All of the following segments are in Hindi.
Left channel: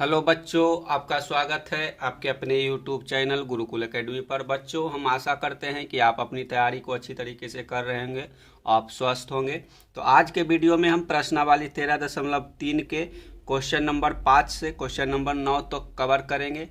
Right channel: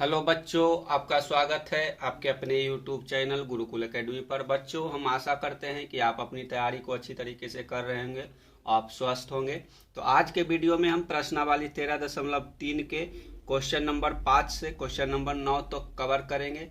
हेलो बच्चों, आपका स्वागत है आपके अपने YouTube चैनल गुरुकुल एकेडमी पर। बच्चों, हम आशा करते हैं कि आप अपनी तैयारी को अच्छी तरीके से कर रहे होंगे, आप स्वस्थ होंगे। तो आज के वीडियो में हम प्रश्नावली 13.3 के क्वेश्चन नंबर 5 से क्वेश्चन नंबर 9 तो कवर करेंगे।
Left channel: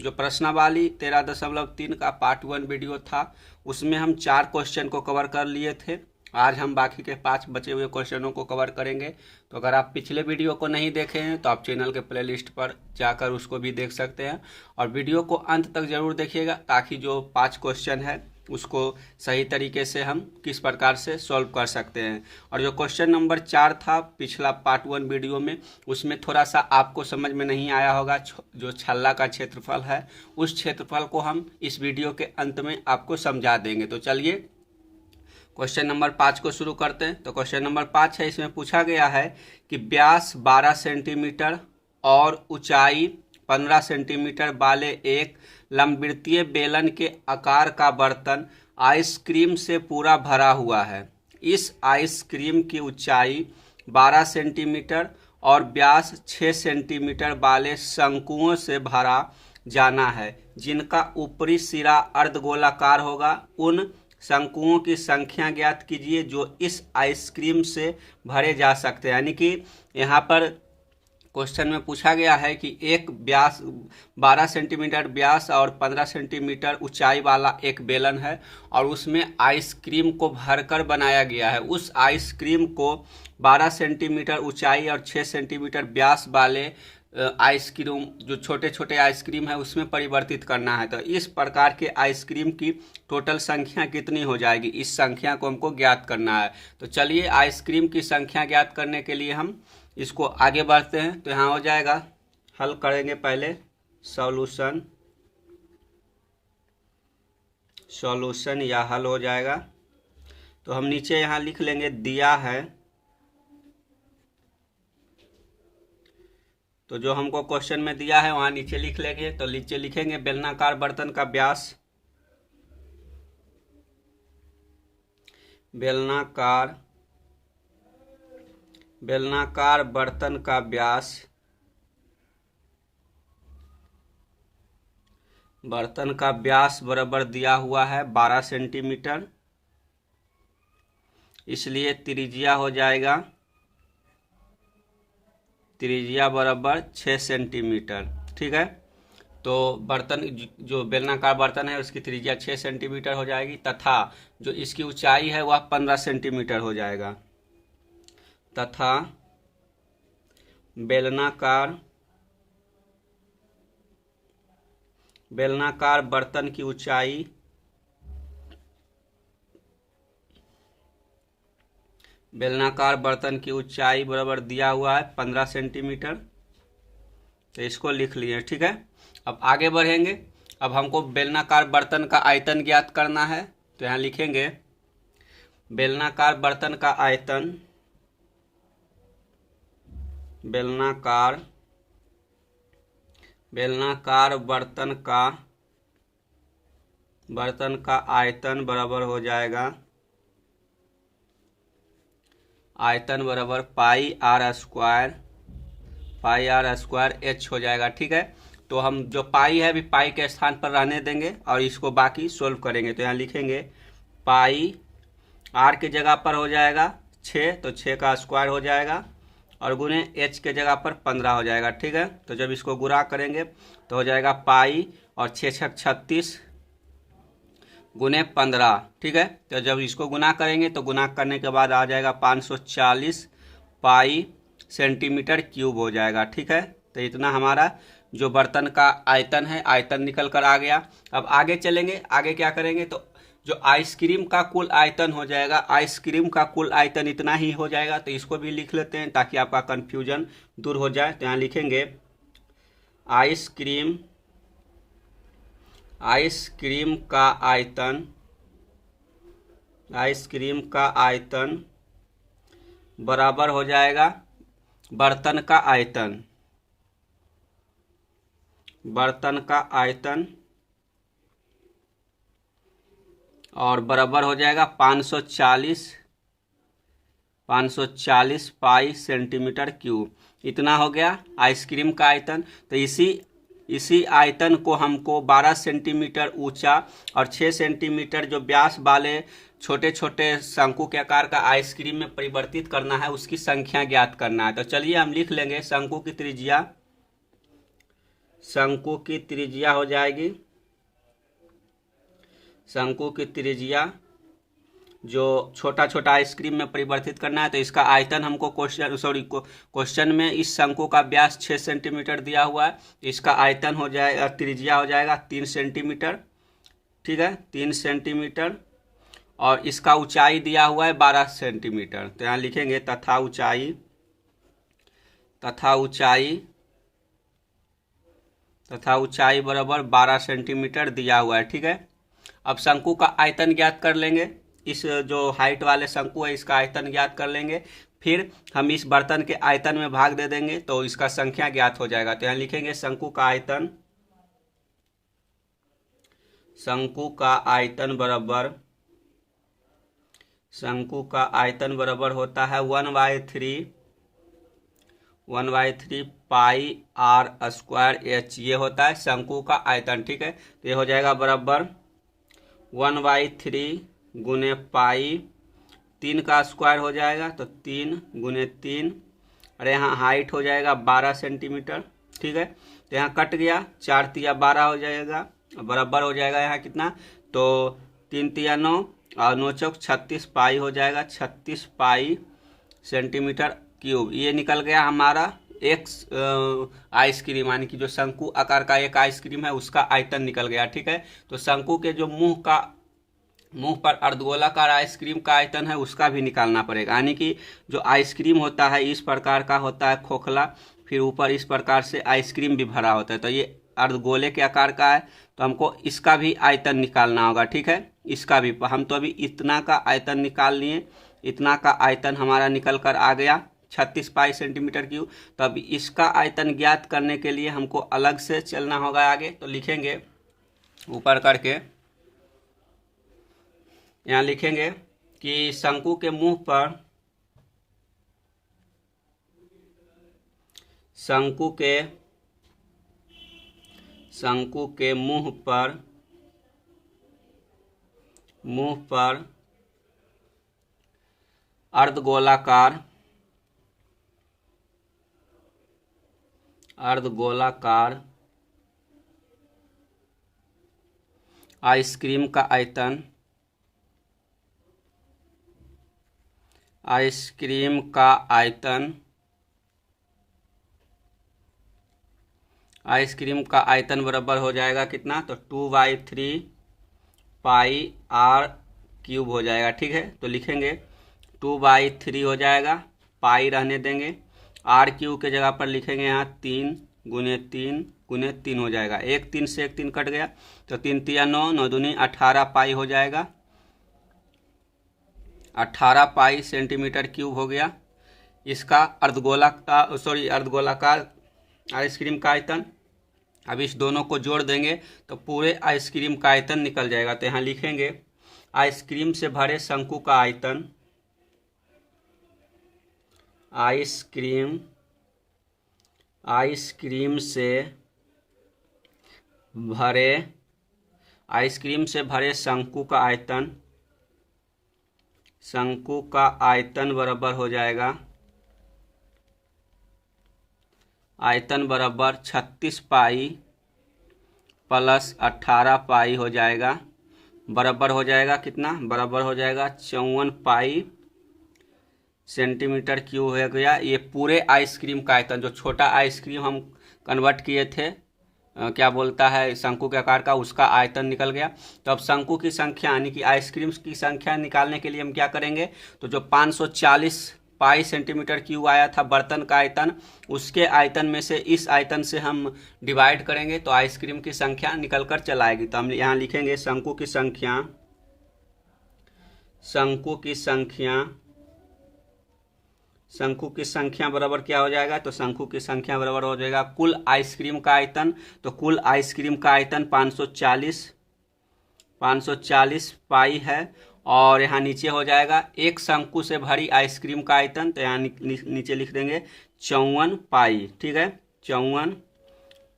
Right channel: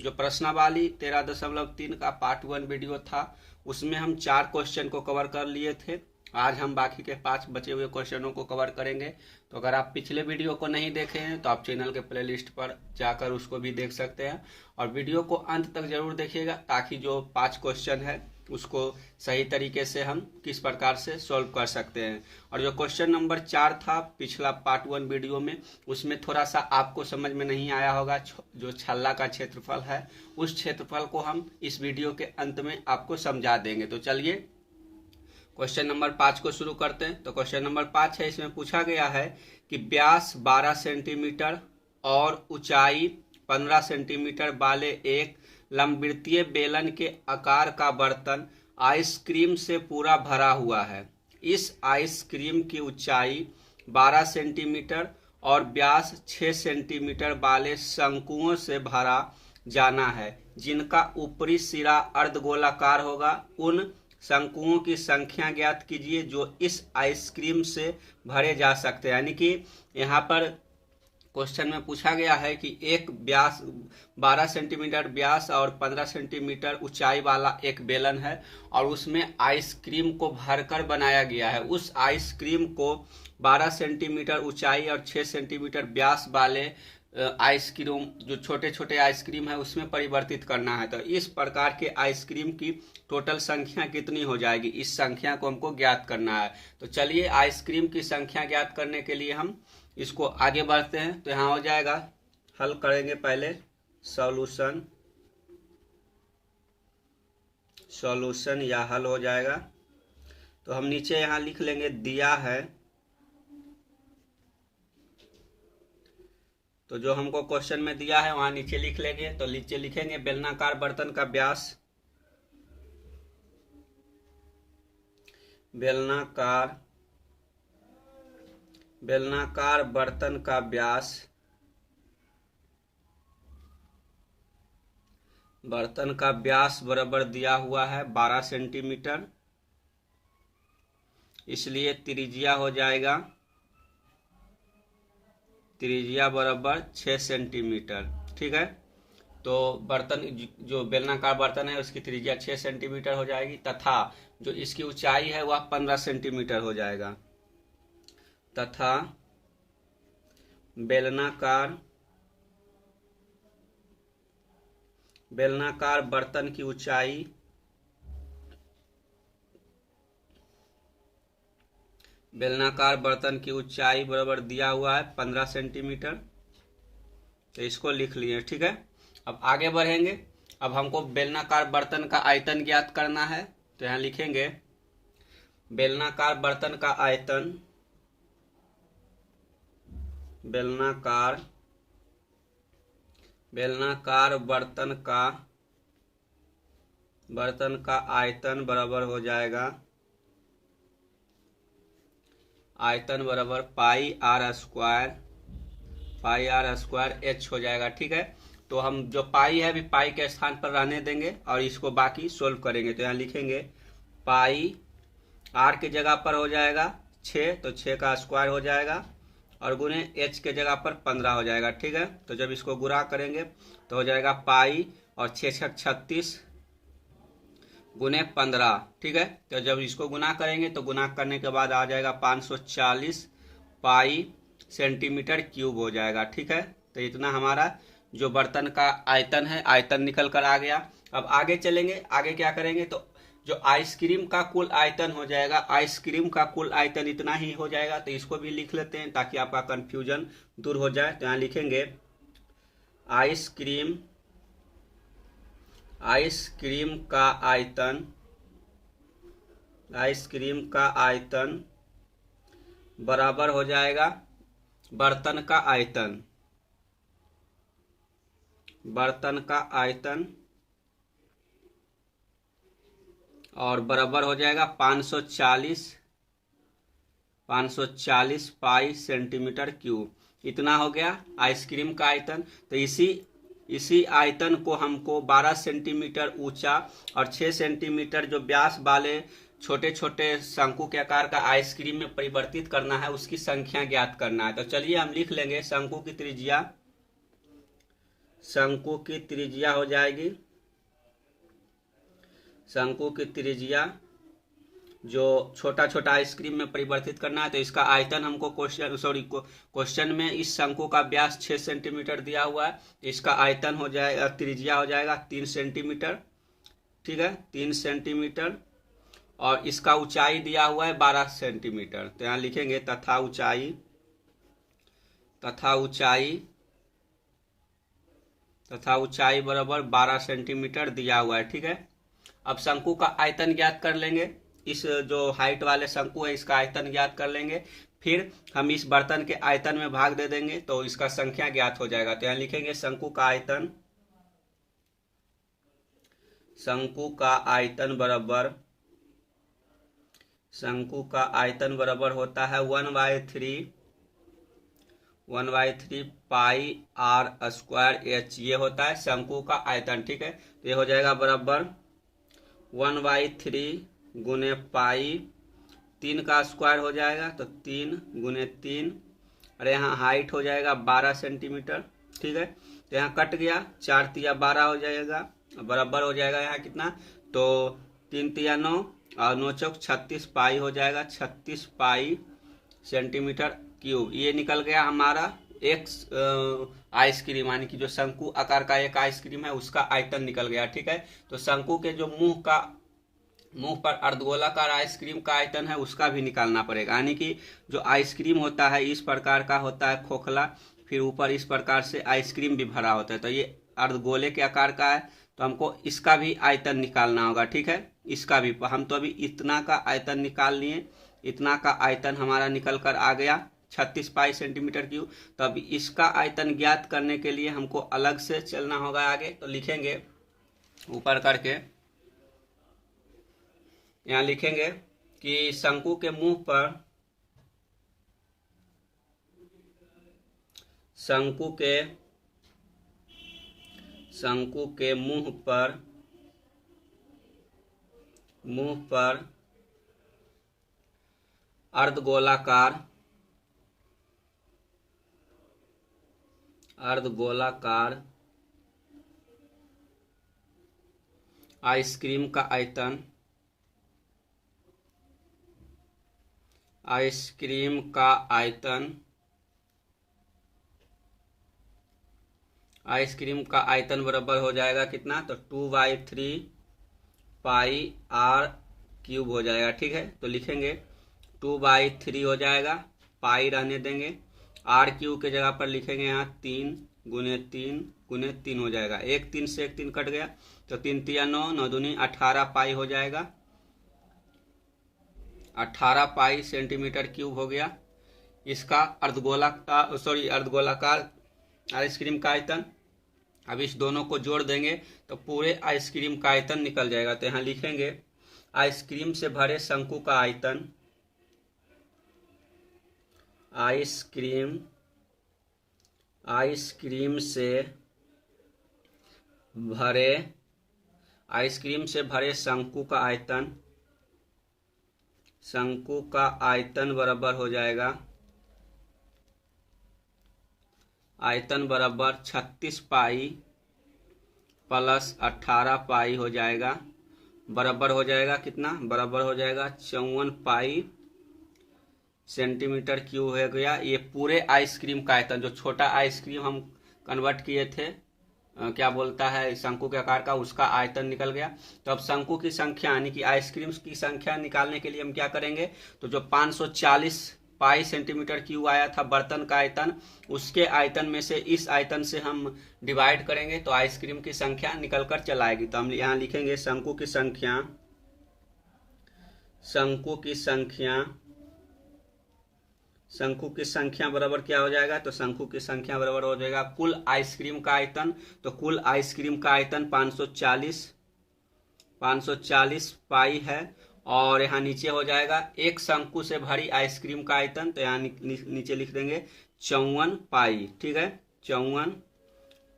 जो प्रश्नावली 13.3 का पार्ट 1 वीडियो था उसमें हम 4 क्वेश्चन को कवर कर लिए थे। आज हम बाकी के 5 बचे हुए क्वेश्चनों को कवर करेंगे। तो अगर आप पिछले वीडियो को नहीं देखे हैं तो आप चैनल के प्लेलिस्ट पर जाकर उसको भी देख सकते हैं, और वीडियो को अंत तक जरूर देखिएगा ताकि जो 5 क्वेश्चन है उसको सही तरीके से हम किस प्रकार से सॉल्व कर सकते हैं। और जो क्वेश्चन नंबर 4 था पिछला पार्ट 1 वीडियो में, उसमें थोड़ा सा आपको समझ में नहीं आया होगा। जो छल्ला का क्षेत्रफल है उस क्षेत्रफल को हम इस वीडियो के अंत में आपको समझा देंगे। तो चलिए क्वेश्चन नंबर 5 को शुरू करते हैं। तो क्वेश्चन नंबर 5 है, इसमें पूछा गया है कि व्यास 12 सेंटीमीटर और ऊंचाई 15 सेंटीमीटर वाले एक लंबवृत्तीय बेलन के आकार का बर्तन आइसक्रीम से पूरा भरा हुआ है। इस आइसक्रीम की ऊंचाई 12 सेंटीमीटर और व्यास 6 सेंटीमीटर वाले शंकुओं से भरा जाना है, जिनका ऊपरी सिरा अर्धगोलाकार होगा। उन शंकुओं की संख्या ज्ञात कीजिए जो इस आइसक्रीम से भरे जा सकते हैं। यानी कि यहाँ पर क्वेश्चन में पूछा गया है कि एक व्यास 12 सेंटीमीटर व्यास और 15 सेंटीमीटर ऊंचाई वाला एक बेलन है और उसमें आइसक्रीम को भरकर बनाया गया है। उस आइसक्रीम को 12 सेंटीमीटर ऊंचाई और 6 सेंटीमीटर व्यास वाले आइसक्रीम, जो छोटे छोटे आइसक्रीम है, उसमें परिवर्तित करना है। तो इस प्रकार के आइसक्रीम की टोटल संख्या कितनी हो जाएगी, इस संख्या को हमको ज्ञात करना है। तो चलिए आइसक्रीम की संख्या ज्ञात करने के लिए हम इसको आगे बढ़ते हैं। तो यहाँ हो जाएगा, हल करेंगे पहले सॉल्यूशन या हल हो जाएगा। तो हम नीचे यहाँ लिख लेंगे दिया है। तो जो हमको क्वेश्चन में दिया है वहां नीचे लिख लेंगे। तो नीचे लिखेंगे बेलनाकार बर्तन का व्यास, बेलनाकार बर्तन का व्यास बराबर दिया हुआ है 12 सेंटीमीटर, इसलिए त्रिज्या हो जाएगा, त्रिज्या बराबर 6 सेंटीमीटर। ठीक है, तो बर्तन, जो बेलनाकार बर्तन है उसकी त्रिज्या 6 सेंटीमीटर हो जाएगी तथा जो इसकी ऊंचाई है वह 15 सेंटीमीटर हो जाएगा। तथा बेलनाकार बर्तन की ऊंचाई बराबर दिया हुआ है 15 सेंटीमीटर। तो इसको लिख लिए। ठीक है, अब आगे बढ़ेंगे। अब हमको बेलनाकार बर्तन का आयतन ज्ञात करना है। तो यहाँ लिखेंगे बेलनाकार बर्तन का आयतन, बेलनाकार बर्तन का आयतन बराबर हो जाएगा, आयतन बराबर पाई आर स्क्वायर एच हो जाएगा। ठीक है, तो हम जो पाई है अभी पाई के स्थान पर रहने देंगे और इसको बाकी सोल्व करेंगे। तो यहाँ लिखेंगे पाई आर के जगह पर हो जाएगा 6, तो 6 का स्क्वायर हो जाएगा, और गुने एच के जगह पर 15 हो जाएगा। ठीक है, तो जब इसको गुणा करेंगे तो हो जाएगा पाई और 6 6 36 गुने 15। ठीक है, तो जब इसको गुना करेंगे तो गुना करने के बाद आ जाएगा 540 पाई सेंटीमीटर क्यूब हो जाएगा। ठीक है, तो इतना हमारा जो बर्तन का आयतन है, आयतन निकल कर आ गया। अब आगे चलेंगे, आगे क्या करेंगे, तो जो आइसक्रीम का कुल आयतन हो जाएगा, आइसक्रीम का कुल आयतन इतना ही हो जाएगा। तो इसको भी लिख लेते हैं ताकि आपका कंफ्यूजन दूर हो जाए। तो यहाँ लिखेंगे आइसक्रीम का आयतन बराबर हो जाएगा बर्तन का आयतन और बराबर हो जाएगा 540 पाई सेंटीमीटर क्यूब। इतना हो गया आइसक्रीम का आयतन। तो इसी आयतन को हमको 12 सेंटीमीटर ऊंचा और 6 सेंटीमीटर जो व्यास वाले छोटे छोटे शंकु के आकार का आइसक्रीम में परिवर्तित करना है, उसकी संख्या ज्ञात करना है। तो चलिए हम लिख लेंगे शंकु की त्रिज्या हो जाएगी, शंकु की त्रिज्या जो छोटा छोटा आइसक्रीम में परिवर्तित करना है। तो इसका आयतन हमको क्वेश्चन में इस शंकु का व्यास 6 सेंटीमीटर दिया हुआ है, इसका आयतन हो जाएगा, त्रिज्या हो जाएगा 3 सेंटीमीटर, ठीक है 3 सेंटीमीटर, और इसका ऊंचाई दिया हुआ है 12 सेंटीमीटर। तो यहाँ लिखेंगे तथा ऊंचाई बराबर 12 सेंटीमीटर दिया हुआ है, ठीक है। अब शंकु का आयतन ज्ञात कर लेंगे, इस जो हाइट वाले शंकु है इसका आयतन ज्ञात कर लेंगे, फिर हम इस बर्तन के आयतन में भाग दे देंगे तो इसका संख्या ज्ञात हो जाएगा। तो यहाँ लिखेंगे शंकु का आयतन बराबर होता है 1/3 पाई r स्क्वायर h, ये होता है शंकु का आयतन, ठीक है। तो ये हो जाएगा बराबर 1/3 गुने पाई, 3 का स्क्वायर हो जाएगा तो 3 गुने 3, और यहाँ हाइट हो जाएगा 12 सेंटीमीटर, ठीक है। तो यहाँ कट गया, 4 तिया 12 हो जाएगा, बराबर हो जाएगा यहाँ कितना, तो 3 तिया 9 और 9 चौक 36 पाई हो जाएगा, 36 पाई सेंटीमीटर क्यूब। ये निकल गया हमारा एक आइसक्रीम, यानी कि जो शंकु आकार का एक आइसक्रीम है उसका आयतन निकल गया, ठीक है। तो शंकु के जो मुंह पर अर्धगोलाकार आइसक्रीम का आयतन है उसका भी निकालना पड़ेगा, यानी कि जो आइसक्रीम होता है इस प्रकार का होता है खोखला, फिर ऊपर इस प्रकार से आइसक्रीम भी भरा होता है। तो ये अर्धगोले के आकार का है, तो हमको इसका भी आयतन निकालना होगा, ठीक है। इसका भी हम तो अभी इतना का आयतन निकाल लिए, इतना का आयतन हमारा निकल कर आ गया 36 पाई सेंटीमीटर क्यूब। तो अब इसका आयतन ज्ञात करने के लिए हमको अलग से चलना होगा आगे। तो लिखेंगे ऊपर करके, यहाँ लिखेंगे कि शंकु के मुंह पर अर्धगोलाकार आइसक्रीम का आयतन बराबर हो जाएगा कितना, तो 2/3 पाई r क्यूब हो जाएगा, ठीक है। तो लिखेंगे 2/3 हो जाएगा, पाई रहने देंगे, r क्यूब के जगह पर लिखेंगे यहाँ 3 गुने 3 हो जाएगा, 1 3 से 1 3 कट गया, तो 3 तिया 9, 9 दूनी 18 पाई हो जाएगा, 18 पाई सेंटीमीटर क्यूब हो गया इसका अर्धगोलाकार आइसक्रीम का आयतन। अब इस दोनों को जोड़ देंगे तो पूरे आइसक्रीम का आयतन निकल जाएगा। तो यहाँ लिखेंगे आइसक्रीम से भरे शंकु का आयतन, आइसक्रीम से भरे शंकु का आयतन बराबर हो जाएगा, आयतन बराबर 36 पाई प्लस 18 पाई हो जाएगा, बराबर हो जाएगा कितना, बराबर हो जाएगा 54 पाई सेंटीमीटर क्यूब हो गया। ये पूरे आइसक्रीम का आयतन, जो छोटा आइसक्रीम हम कन्वर्ट किए थे क्या बोलता है शंकु के आकार का, उसका आयतन निकल गया। तो अब शंकु की संख्या यानी कि आइसक्रीम की संख्या निकालने के लिए हम क्या करेंगे, तो जो 540 पाई सेंटीमीटर क्यूब आया था बर्तन का आयतन, उसके आयतन में से इस आयतन से हम डिवाइड करेंगे तो आइसक्रीम की संख्या निकल कर चला आएगी। तो हम यहाँ लिखेंगे शंकु की संख्या बराबर क्या हो जाएगा, तो शंकु की संख्या बराबर हो जाएगा कुल आइसक्रीम का आयतन। तो कुल आइसक्रीम का आयतन 540 पाई है, और यहाँ नीचे हो जाएगा एक शंकु से भरी आइसक्रीम का आयतन। तो यहाँ नीचे लिख देंगे 54 पाई, ठीक है, 54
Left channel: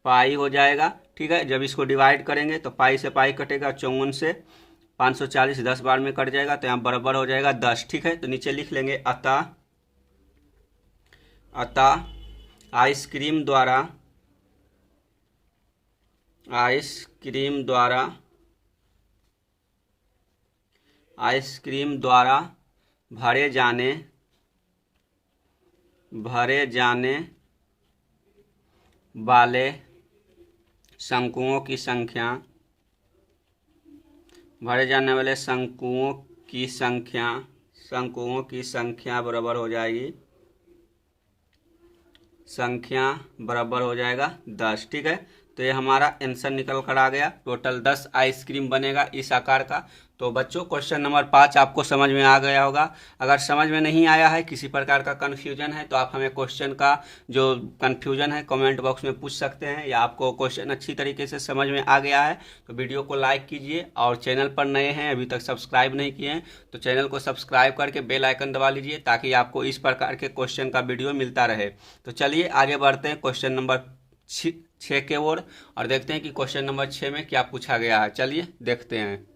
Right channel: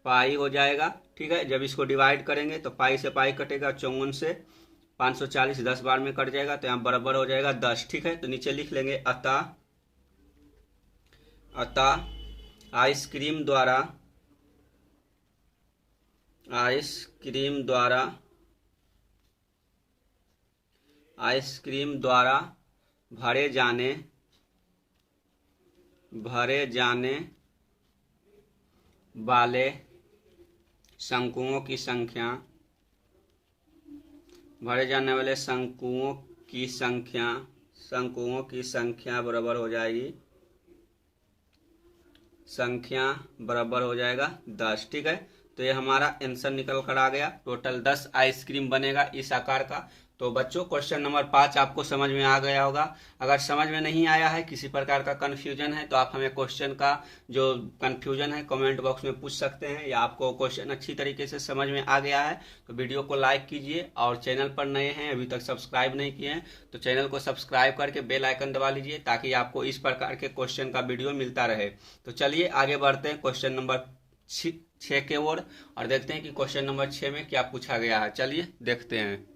पाई हो जाएगा, ठीक है। जब इसको डिवाइड करेंगे तो पाई से पाई कटेगा, 54 से 540 10 बार में कट जाएगा, तो यहाँ बराबर हो जाएगा 10, ठीक है। तो नीचे लिख लेंगे अतः आइसक्रीम द्वारा भरे जाने वाले शंकुओं की संख्या बराबर हो जाएगी, संख्या बराबर हो जाएगा 10, ठीक है। तो ये हमारा आंसर निकल कर आ गया। टोटल 10 आइसक्रीम बनेगा इस आकार का। तो बच्चों क्वेश्चन नंबर 5 आपको समझ में आ गया होगा। अगर समझ में नहीं आया है, किसी प्रकार का कन्फ्यूजन है, तो आप हमें क्वेश्चन का जो कन्फ्यूजन है कमेंट बॉक्स में पूछ सकते हैं, या आपको क्वेश्चन अच्छी तरीके से समझ में आ गया है तो वीडियो को लाइक कीजिए, और चैनल पर नए हैं अभी तक सब्सक्राइब नहीं किए हैं तो चैनल को सब्सक्राइब करके बेल आइकन दबा लीजिए, ताकि आपको इस प्रकार के क्वेश्चन का वीडियो मिलता रहे। तो चलिए आगे बढ़ते हैं क्वेश्चन नंबर 6 के ओर, और देखते हैं कि क्वेश्चन नंबर 6 में क्या पूछा गया है। चलिए देखते हैं।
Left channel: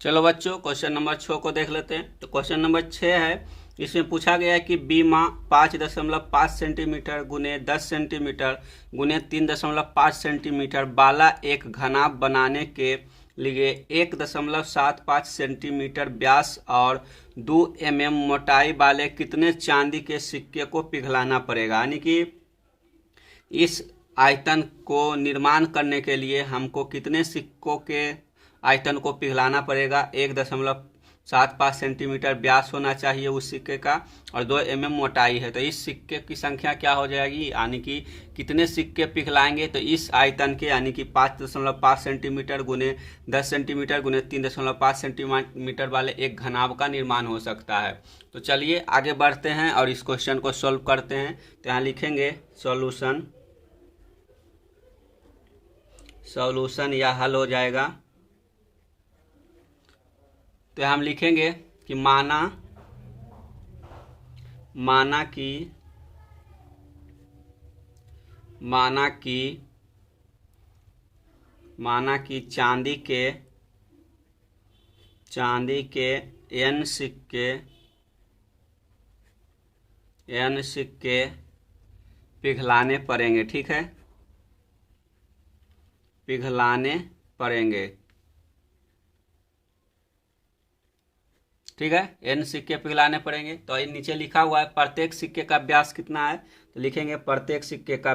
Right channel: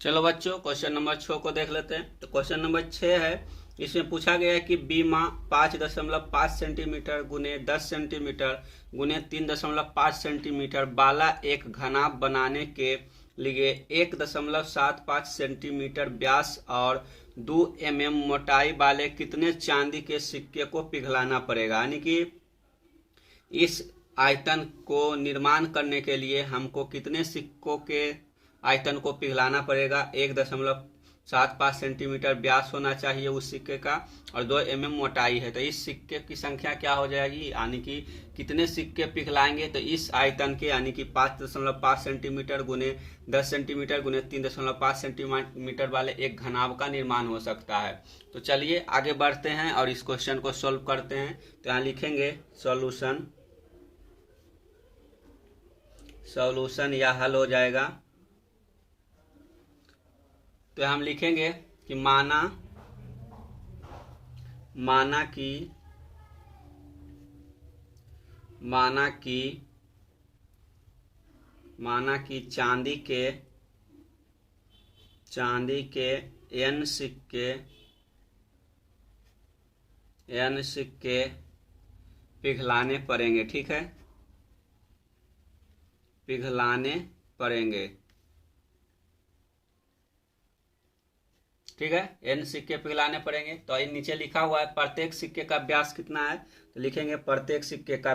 चलो बच्चों क्वेश्चन नंबर 6 को देख लेते हैं। तो क्वेश्चन नंबर 6 है, इसमें पूछा गया है कि बीमा 5.5 सेंटीमीटर गुने 10 सेंटीमीटर गुने 3.5 सेंटीमीटर वाला एक घनाभ बनाने के लिए 1.75 सेंटीमीटर व्यास और 2 mm मोटाई वाले कितने चांदी के सिक्के को पिघलाना पड़ेगा। यानी कि इस आयतन को निर्माण करने के लिए हमको कितने सिक्कों के आयतन को पिघलाना पड़ेगा। 1.75 सेंटीमीटर व्यास होना चाहिए उस सिक्के का, और 2 mm मोटाई है। तो इस सिक्के की संख्या क्या हो जाएगी, यानी कि कितने सिक्के पिघलाएंगे तो इस आयतन के, यानी कि 5.5 सेंटीमीटर गुने 10 सेंटीमीटर गुने 3.5 सेंटीमीटर वाले एक घनाभ का निर्माण हो सकता है। तो चलिए आगे बढ़ते हैं और इस क्वेश्चन को सॉल्व करते हैं। तो यहाँ लिखेंगे सॉल्यूशन या हल हो जाएगा। तो हम लिखेंगे कि माना कि चांदी के n सिक्के पिघलाने पड़ेंगे, ठीक है, पिघलाने पड़ेंगे, ठीक है, n सिक्के पिघलाने पड़ेंगे। तो ये नीचे लिखा हुआ है प्रत्येक सिक्के का व्यास कितना है, तो लिखेंगे प्रत्येक सिक्के का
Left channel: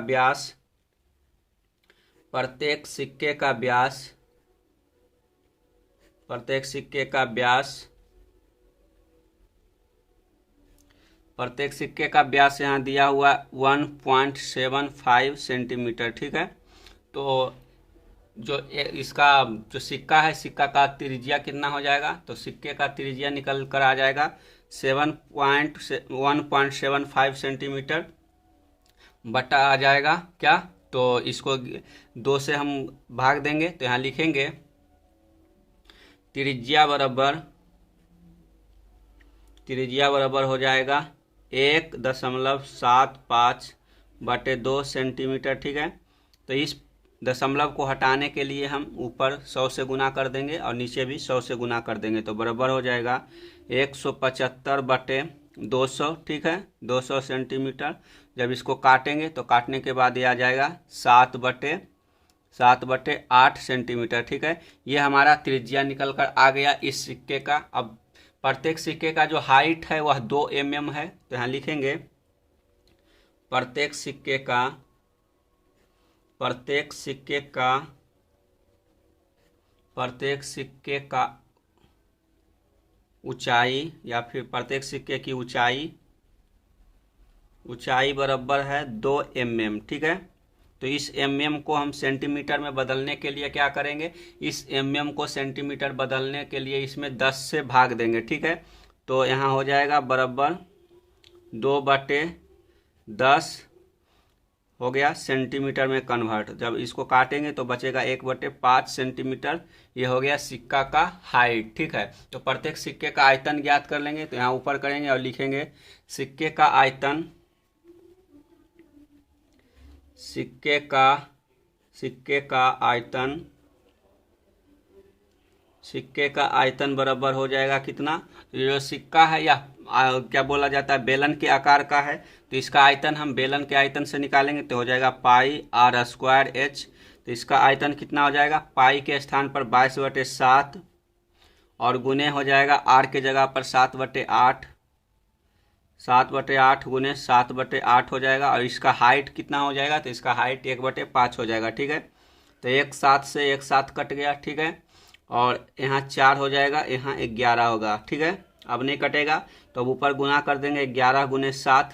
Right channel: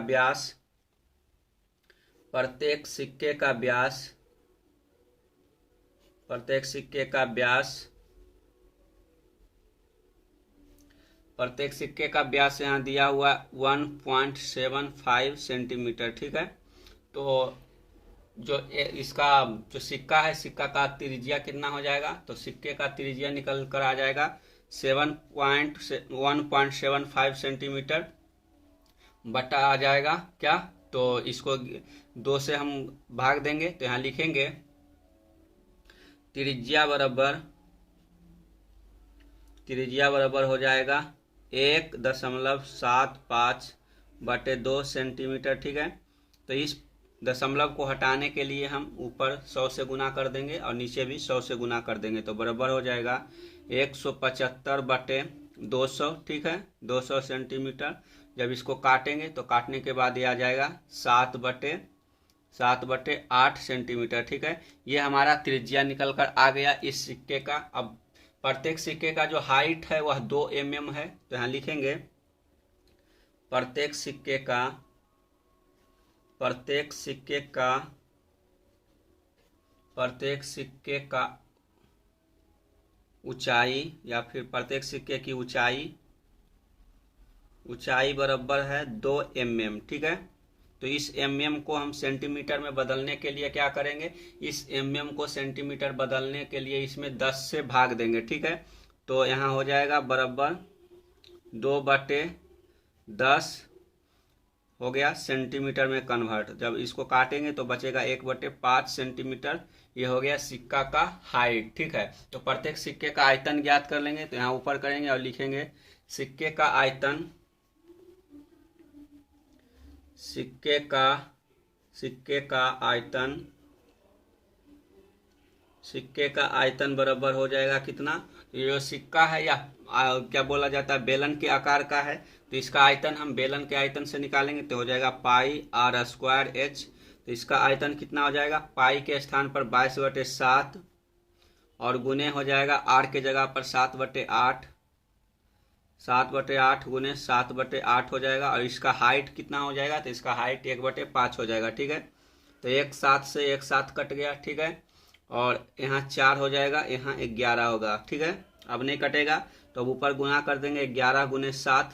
व्यास यहाँ दिया हुआ 1.75 सेंटीमीटर, ठीक है। तो जो इसका जो सिक्का है, सिक्का का त्रिज्या कितना हो जाएगा, तो सिक्के का त्रिज्या निकल कर आ जाएगा 1.75 सेंटीमीटर बटा आ जाएगा क्या, तो इसको 2 से हम भाग देंगे। तो यहाँ लिखेंगे त्रिज्या बराबर हो जाएगा 1.75 बटे 2 सेंटीमीटर, ठीक है। तो इस दशमलव को हटाने के लिए हम ऊपर 100 से गुना कर देंगे और नीचे भी 100 से गुना कर देंगे, तो बराबर हो जाएगा 175 बटे 200, ठीक है, 200 सेंटीमीटर। जब इसको काटेंगे तो काटने के बाद ये आ जाएगा 7 बटे 8 सेंटीमीटर, ठीक है। ये हमारा त्रिज्या निकल कर आ गया इस सिक्के का। अब प्रत्येक सिक्के का जो हाइट है वह 2 mm है। तो यहाँ लिखेंगे प्रत्येक सिक्के का ऊंचाई, या फिर प्रत्येक सिक्के की ऊंचाई बराबर है 2 mm, ठीक है। तो इस mm को हम सेंटीमीटर में बदलने के लिए क्या करेंगे, इस mm को सेंटीमीटर बदलने के लिए इसमें 10 से भाग देंगे, ठीक है। तो यहाँ हो जाएगा बराबर 2 बटे 10 हो गया सेंटीमीटर में कन्वर्ट। जब इसको काटेंगे तो बचेगा 1/5 सेंटीमीटर। ये हो गया सिक्का का हाइट। ठीक है, तो प्रत्येक सिक्के का आयतन ज्ञात कर लेंगे। तो यहाँ ऊपर करेंगे और लिखेंगे सिक्के का आयतन, सिक्के का आयतन, सिक्के का आयतन बराबर हो जाएगा कितना। तो ये जो सिक्का है या क्या बोला जाता है, बेलन के आकार का है, तो इसका आयतन हम बेलन के आयतन से निकालेंगे तो हो जाएगा पाई r स्क्वायर h। तो इसका आयतन कितना हो जाएगा, पाई के स्थान पर 22/7 और गुने हो जाएगा r के जगह पर 7/8, 7/8 गुने 7/8 हो जाएगा। और इसका हाइट कितना हो जाएगा, तो इसका हाइट 1/5 हो जाएगा। ठीक है, तो 1 7 से 1 7 कट गया। ठीक है, और यहाँ 4 हो जाएगा, यहाँ 11 होगा। ठीक है, अब नहीं कटेगा तो अब ऊपर गुना कर देंगे 11 गुने 7,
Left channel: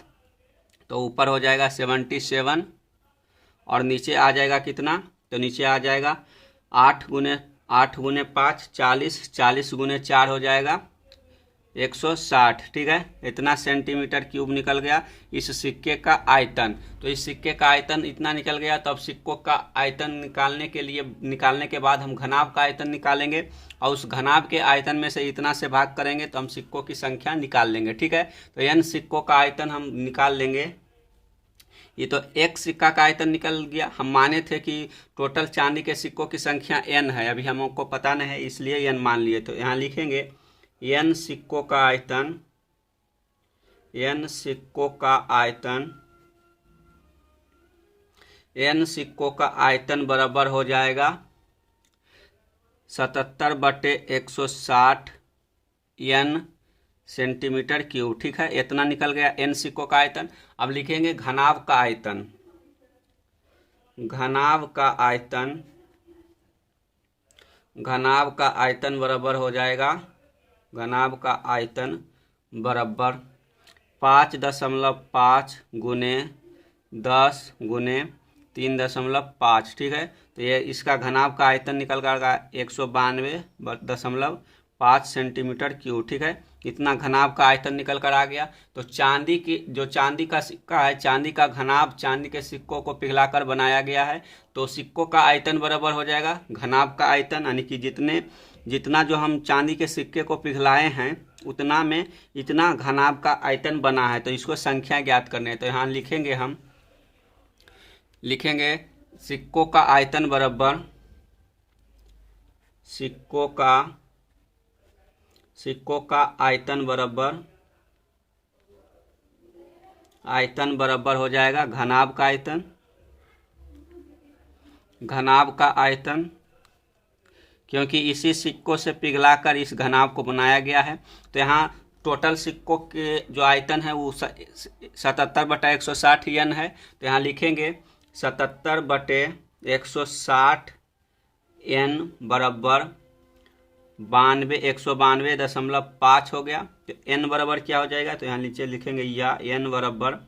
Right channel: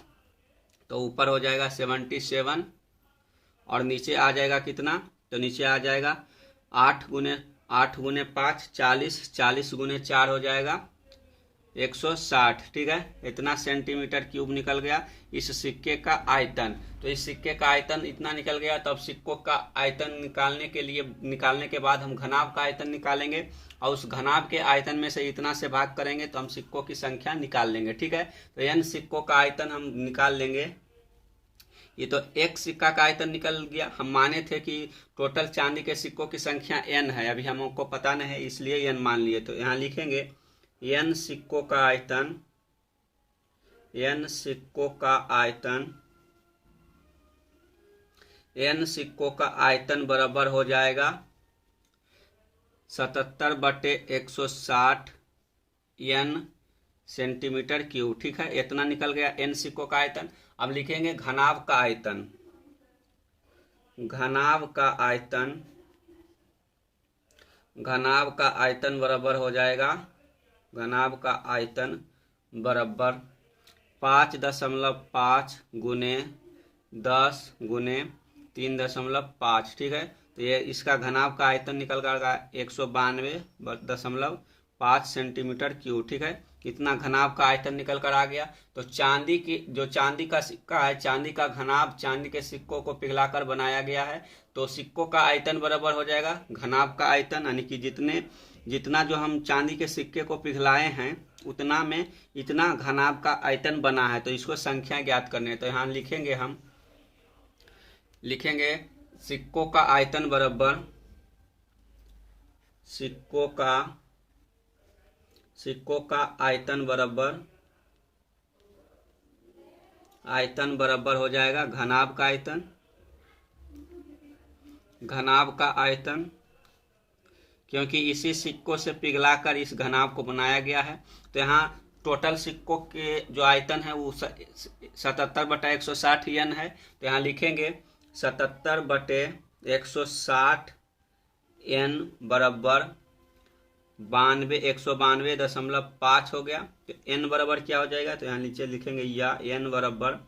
तो ऊपर हो जाएगा 77 और नीचे आ जाएगा कितना, तो नीचे आ जाएगा 8 गुने 5 40, 40 गुने 4 हो जाएगा 160। ठीक है, इतना सेंटीमीटर क्यूब निकल गया इस सिक्के का आयतन। तो इस सिक्के का आयतन इतना निकल गया। तो अब सिक्कों का आयतन निकालने के बाद हम घनाभ का आयतन निकालेंगे और उस घनाभ के आयतन में से इतना से भाग करेंगे तो हम सिक्कों की संख्या निकाल लेंगे। ठीक है, तो n सिक्कों का आयतन हम निकाल लेंगे। ये तो एक सिक्का का आयतन निकल गया। हम माने थे कि टोटल चांदी के सिक्कों की संख्या n है, अभी हमको पता नहीं है इसलिए n मान लिए। तो यहाँ लिखेंगे n सिक्कों का आयतन, n सिक्कों का आयतन, n सिक्कों का आयतन बराबर हो जाएगा 77/160 n सेंटीमीटर क्यूब। ठीक है, इतना निकल गया n सिक्कों का आयतन। अब लिखेंगे घनाभ का आयतन, घनाभ का आयतन, घनाभ का आयतन बराबर हो जाएगा, घनाभ का आयतन बराबर 5.5 गुने 10 गुने 3.5। ठीक है, तो ये इसका घनाभ का आयतन निकल गया 192.5 सेंटीमीटर क्यूब। ठीक है, इतना घनाभ का आयतन निकल कर आ गया। तो चांदी का सिक्का है, चांदी का घनाभ चांदी के सिक्कों को पिघलाकर बनाया गया है। तो सिक्कों का आयतन बराबर हो जाएगा घनाभ का आयतन, यानी कि जितना जो हम चांदी के सिक्के को पिघलाए हैं उतना में इतना घनाभ का आयतन बना है। तो इसको संख्या ज्ञात करने है। तो यहाँ लिखेंगे हम, लिखेंगे सिक्कों का आयतन बराबर, सिक्कों का आयतन बराबर हो जाएगा घनाभ का आयतन, घनाभ का आयतन, क्योंकि इसी सिक्कों से पिघलाकर इस घनाभ को बनाया गया है। तो यहाँ टोटल सिक्कों के जो आयतन है वो 77/160 n है। तो यहाँ लिखेंगे 77/160 n बराबर 192.5 हो गया। तो n बराबर क्या हो जाएगा, तो यहाँ नीचे लिखेंगे या n बराबर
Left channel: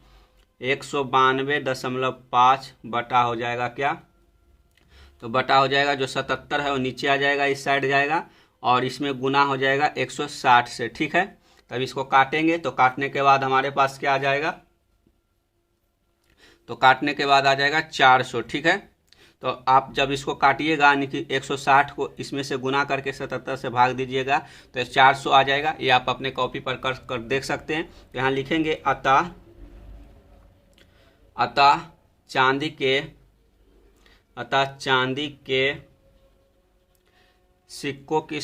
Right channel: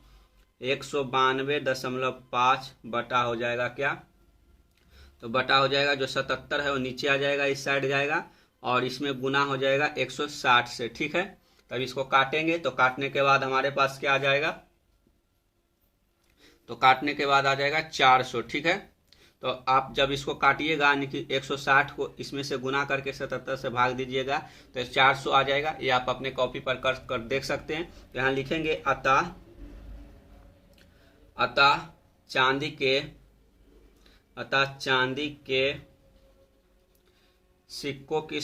192.5 बटा हो जाएगा क्या, तो बटा हो जाएगा जो 77 है वो नीचे आ जाएगा, इस साइड जाएगा और इसमें गुना हो जाएगा 160 से। ठीक है, तब इसको काटेंगे तो काटने के बाद हमारे पास क्या आ जाएगा, तो काटने के बाद आ जाएगा 400। ठीक है, तो आप जब इसको काटिएगा यानी कि 160 को इसमें से गुना करके 77 से भाग दीजिएगा तो 400 आ जाएगा। ये आप अपने कॉपी पर कर देख सकते हैं। तो यहाँ लिखेंगे अतः चांदी के सिक्कों की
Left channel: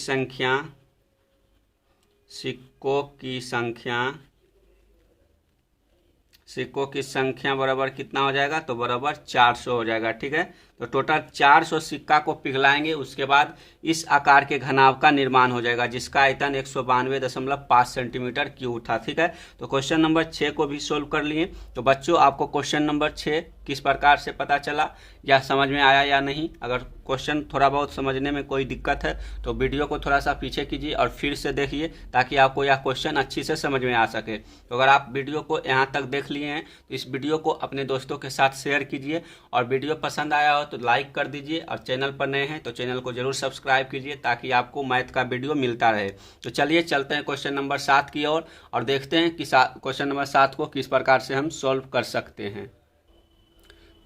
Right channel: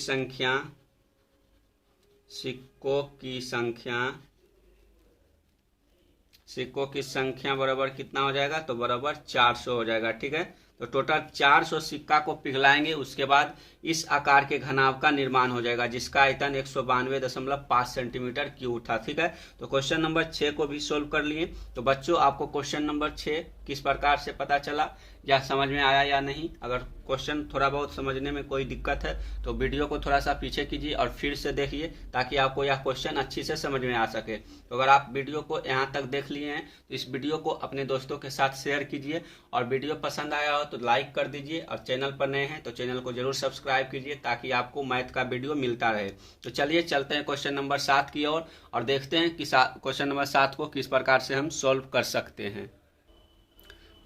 संख्या बराबर कितना हो जाएगा, तो बराबर 400 हो जाएगा। ठीक है, तो टोटल 400 सिक्का को पिघलाएंगे, उसके बाद इस आकार के घनाभ का निर्माण हो जाएगा जिसका आयतन 192.5 सेंटीमीटर क्यूब था। ठीक है, तो क्वेश्चन नंबर 6 को भी सोल्व कर लिए। तो बच्चों आपको क्वेश्चन नंबर 6 किस प्रकार से पता चला या समझ में आया या नहीं। अगर क्वेश्चन थोड़ा बहुत समझने में कोई दिक्कत है तो वीडियो को थोड़ा सा पीछे कीजिए और फिर से देखिए ताकि आपको यह क्वेश्चन अच्छी से समझ में आ सके। तो अगर आप वीडियो को यहाँ तक देख लिए हैं तो इस वीडियो को अपने दोस्तों के साथ शेयर कीजिए और वीडियो पसंद आया हो तो लाइक कर दीजिए और चैनल पर नए हैं तो चैनल को जरूर सब्सक्राइब कीजिए ताकि आपको मैथ का वीडियो मिलता रहे। तो चलिए चलते हैं क्वेश्चन नंबर 7 की ओर और देखते हैं कि क्वेश्चन नंबर 7 को किस प्रकार से हम सॉल्व कर सकते हैं।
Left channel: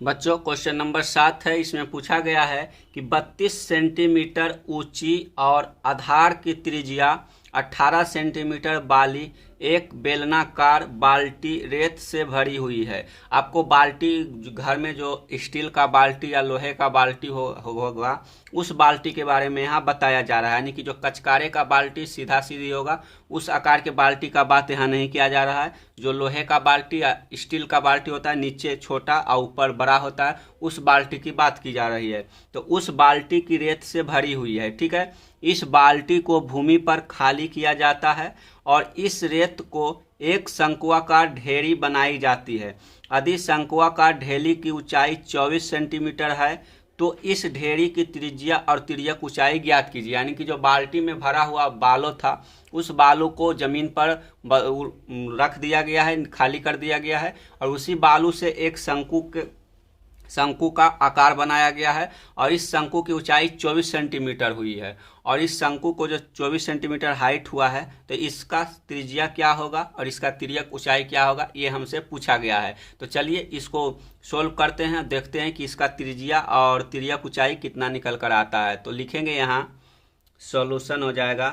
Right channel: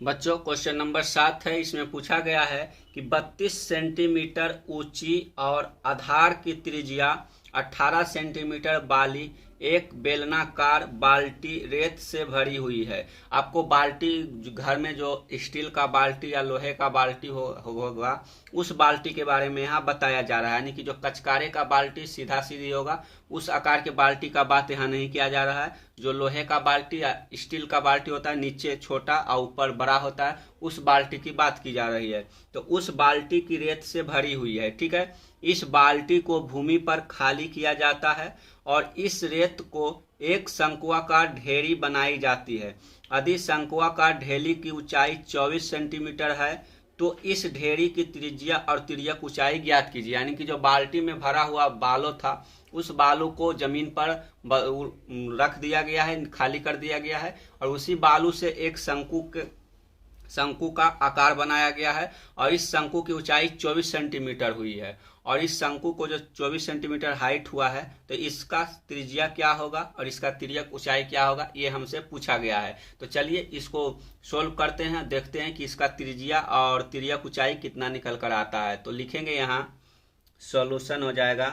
बच्चों क्वेश्चन नंबर 7 है। इसमें पूछा गया है कि 32 सेंटीमीटर ऊंची और आधार की त्रिज्या 18 सेंटीमीटर वाली एक बेलनाकार बाल्टी रेत से भरी हुई है। आपको बाल्टी घर में जो स्टील का बाल्टी या लोहे का बाल्टी होगा उस बाल्टी के बारे में यहाँ बताया जा रहा है, यानी कि जो कचकारे का बाल्टी सीधा सीधी होगा उस आकार के बाल्टी का बात यहाँ नहीं किया जा रहा है। जो लोहे का बाल्टी या स्टील का बाल्टी होता है, नीचे छोटा और ऊपर बड़ा होता है, उस बाल्टी की बात की जा रही है। तो उस बाल्टी की रेत से भरी हुई है, ठीक है। इस बाल्टी को भूमि पर खाली किया जाता है और इस रेत को एक शंक्वाकार ढेरी बनाई जाती है। यदि शंक्वाकार ढेरी की ऊंचाई 24 सेंटीमीटर है तो इस ढेरी की त्रिज्या और तिर्यक ऊंचाई ज्ञात कीजिए। यानी कि जो बाल्टी में भरा हुआ बालू था उस बालू को जमीन पर रख दिया गया है, खाली कर दिया गया है और उसी बालू से एक शंकु का आकार बनाया गया है और इस शंकु की ऊंचाई 24 सेंटीमीटर हुई है। और इस शंकु को जो 24 सेंटीमीटर हाइट हुआ है तो इसका त्रिज्या क्या होगा और इसका तिर्यक ऊंचाई क्या होगा, ये हमसे पूछा गया है। तो चलिए इसको सोल्व करते हैं, देखते हैं कि इसका त्रिज्या और तिर्यक ऊंचाई कितना निकल कर आता है। तो लिखेंगे यहाँ सॉल्यूशन हो जाएगा,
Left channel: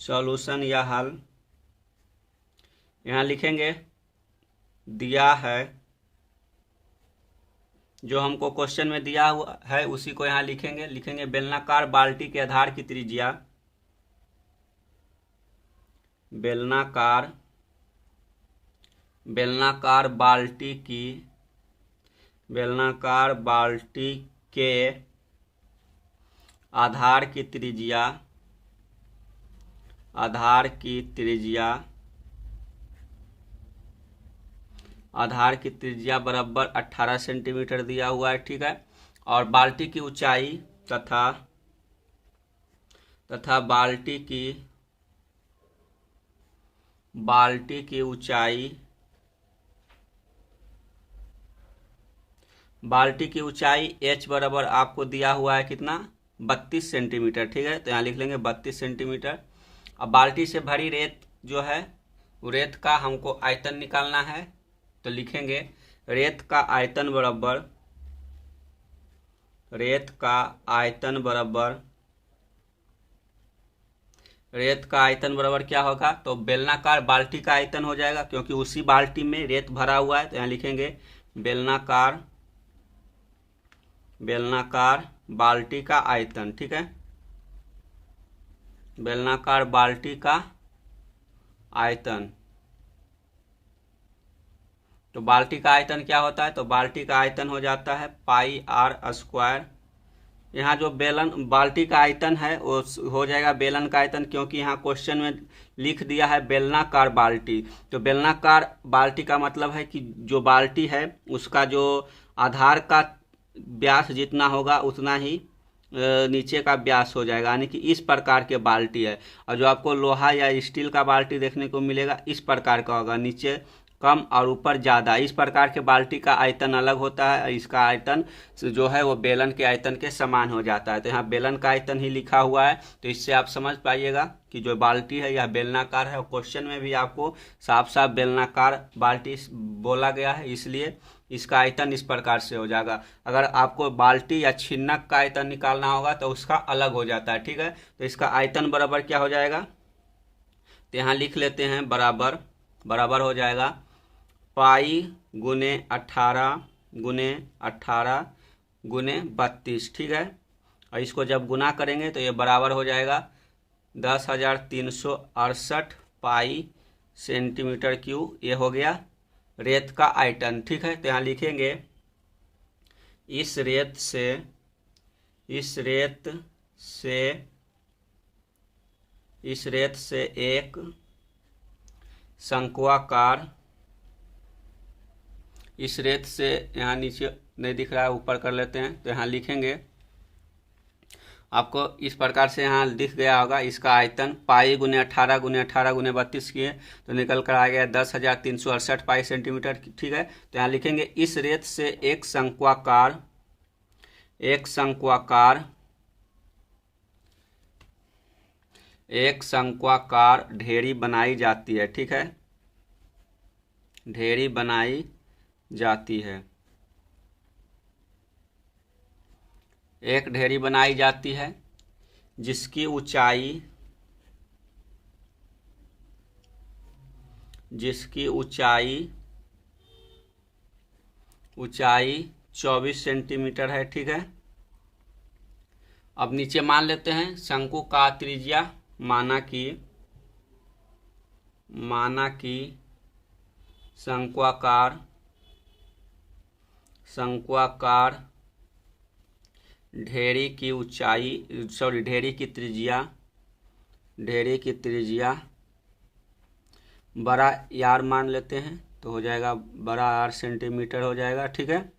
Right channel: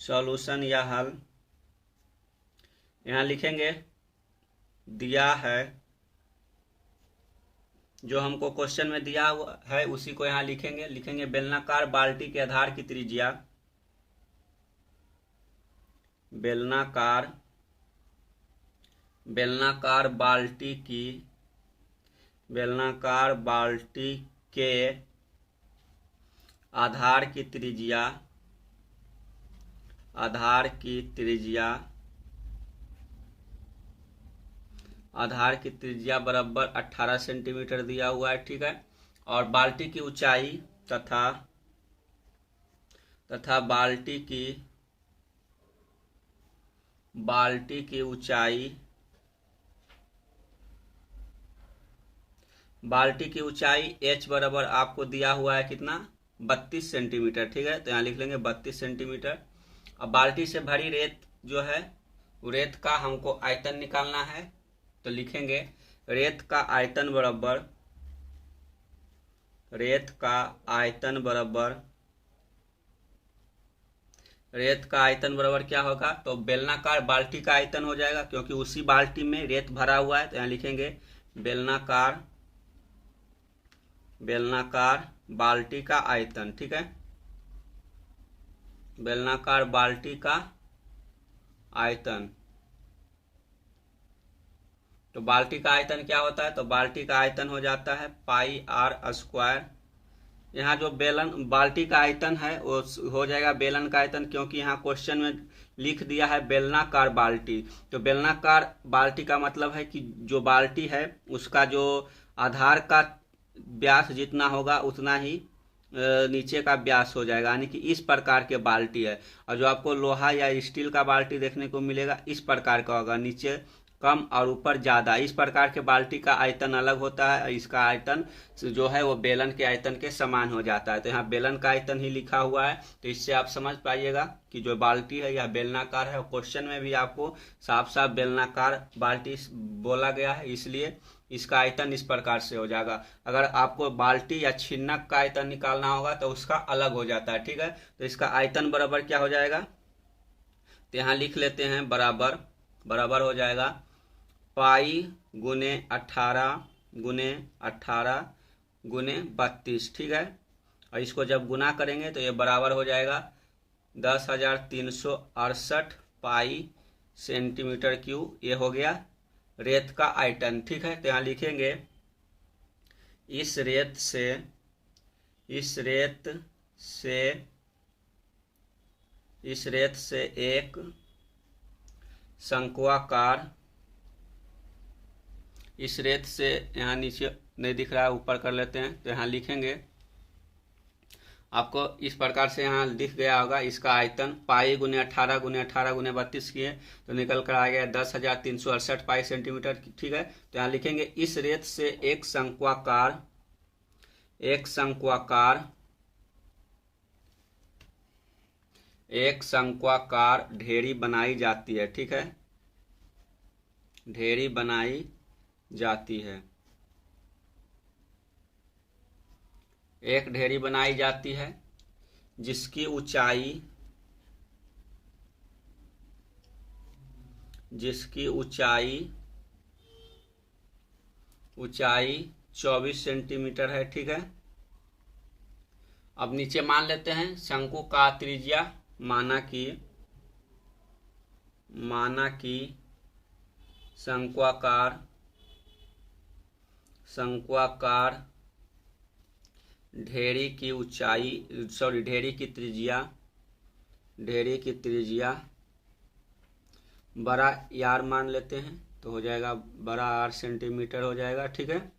सॉल्यूशन या हल। यहाँ लिखेंगे दिया है, जो हमको क्वेश्चन में दिया हुआ है उसी को यहाँ लिखेंगे बेलनाकार बाल्टी के आधार की त्रिज्या, बेलनाकार बाल्टी के आधार की त्रिज्या बराबर 18 सेंटीमीटर दिया हुआ है, ठीक है। और बाल्टी की ऊंचाई तथा बाल्टी की ऊंचाई h बराबर आपको दिया हुआ है कितना, 32 सेंटीमीटर, ठीक है। तो यहाँ लिख लेंगे 32 सेंटीमीटर। अब बाल्टी से भरी रेत जो है रेत का हमको आयतन निकालना है, तो लिखेंगे रेत का आयतन बराबर क्या होगा, तो बेलनाकार बाल्टी का आयतन हो जाएगा, क्योंकि उसी बाल्टी में रेत भरा हुआ है। तो यहाँ लिखेंगे बेलनाकार बाल्टी का आयतन, ठीक है। बेलनाकार बाल्टी का आयतन, तो बाल्टी का आयतन क्या होता है, तो बाल्टी का आयतन हो जाता है पाई आर स्क्वायर। यहाँ जो बाल्टी का आयतन है वो हो जाएगा बेलन का आयतन, क्योंकि यहाँ क्वेश्चन में लिख दिया है बेलनाकार बाल्टी। तो बेलनाकार बाल्टी का मतलब है कि जो बाल्टी है उसका जो आधार का व्यास जितना होगा उतना ही नीचे का व्यास हो जाएगा, यानी कि इस प्रकार के बाल्टी है। और जो आपको लोहा या स्टील का बाल्टी देखने को मिलेगा इस प्रकार का होगा, नीचे कम और ऊपर ज़्यादा। इस प्रकार के बाल्टी का आयतन अलग होता है, इसका आयतन जो है वो बेलन के आयतन के समान हो जाता है। तो यहाँ बेलन का आयतन ही लिखा हुआ है, तो इससे आप समझ पाइएगा कि जो बाल्टी है यह बेलनाकार है। और क्वेश्चन में भी आपको साफ साफ बेलनाकार बाल्टी बोला गया है, इसलिए इसका आयतन इस प्रकार से हो जाएगा। अगर आपको बाल्टी या छिन्नक का आयतन निकालना होगा तो उसका अलग हो जाता है, ठीक है। तो इसका आयतन बराबर क्या हो जाएगा, तो यहाँ लिख लेते हैं बराबर हो जाएगा पाई गुने 18 गुने 32, ठीक है। और इसको जब गुना करेंगे तो ये बराबर हो जाएगा 10,368 पाई सेंटीमीटर क्यूब। ये हो गया रेत का आयतन, ठीक है। तो यहाँ लिखेंगे इस रेत से एक शंक्वाकार, इस रेत से, यहाँ नीचे नहीं दिख रहा है ऊपर कर लेते हैं, तो यहाँ लिखेंगे आपको इस प्रकार से यहाँ दिख गया होगा। इसका आयतन पाई गुने 18 गुने 32 किए तो निकल कर आ गया 10,368 पाई सेंटीमीटर, ठीक है। तो यहाँ लिखेंगे इस रेत से एक शंक्वाकार ढेरी बनाई जाती है, ठीक है। ढेरी बनाई जाती है। एक ढेरी बनाई जाती है जिसकी ऊंचाई 24 सेंटीमीटर है। ठीक है, अब नीचे मान लेते हैं शंकु का त्रिज्या, माना कि शंक्वाकार ढेरी की त्रिज्या बड़ा यार मान लेते हैं, तो हो जाएगा बड़ा आर सेंटीमीटर हो जाएगा। ठीक है,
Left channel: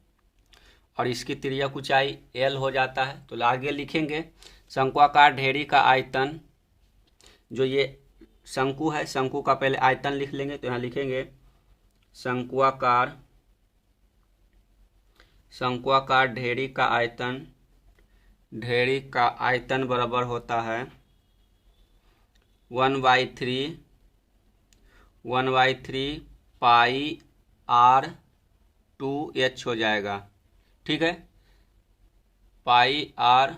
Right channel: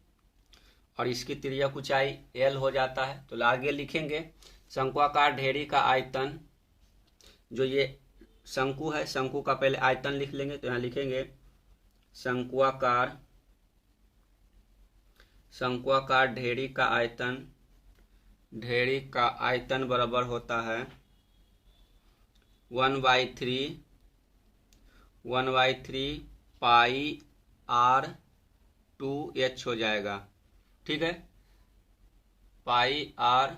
और इसकी त्रिज्या ऊंचाई एल हो जाता है। तो आगे लिखेंगे शंक्वाकार ढेरी का आयतन, जो ये शंकु है, शंकु का पहले आयतन लिख लेंगे। तो यहाँ लिखेंगे शंक्वाकार ढेरी का आयतन बराबर होता है 1/3 पाई R2H हो जाएगा। ठीक है, पाई आर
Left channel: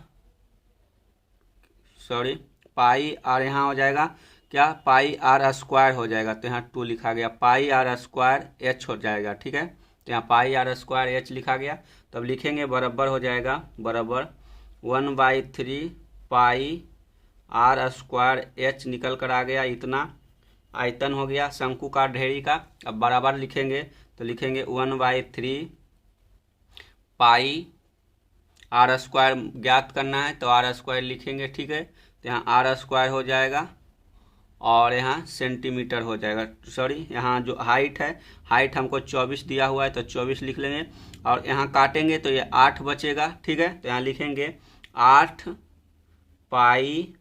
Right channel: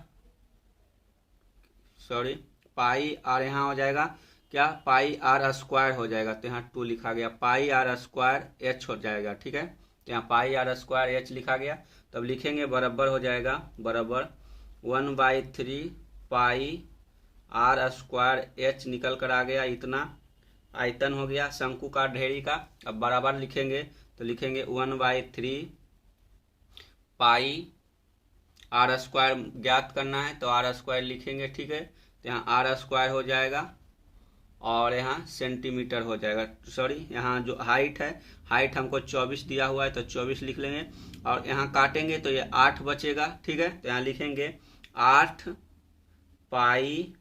यहाँ हो जाएगा क्या, पाई आर स्क्वायर हो जाएगा। तो यहाँ 2 लिखा गया, पाई आर स्क्वायर एच हो जाएगा। ठीक है, तो यहाँ पाई आर स्क्वायर एच लिखा गया। तब लिखेंगे बराबर हो जाएगा 1/3 पाई आर स्क्वायर एच निकल कर आ गया। इतना आयतन हो गया शंकु का ढेरी का। अब बराबर लिखेंगे, तो लिखेंगे 1/3 पाई आर स्क्वायर ज्ञात करना है, तो आर स्क्वायर लिखेंगे। ठीक है, तो यहाँ आर स्क्वायर हो जाएगा और यहाँ सेंटीमीटर हो जाएगा। सॉरी, यहाँ जो हाइट हमको 24 दिया हुआ है, तो 24 लिख लेंगे। और यहाँ काटेंगे तो ये 8 बचेगा। ठीक है, तो यहाँ लिखेंगे 8 पाई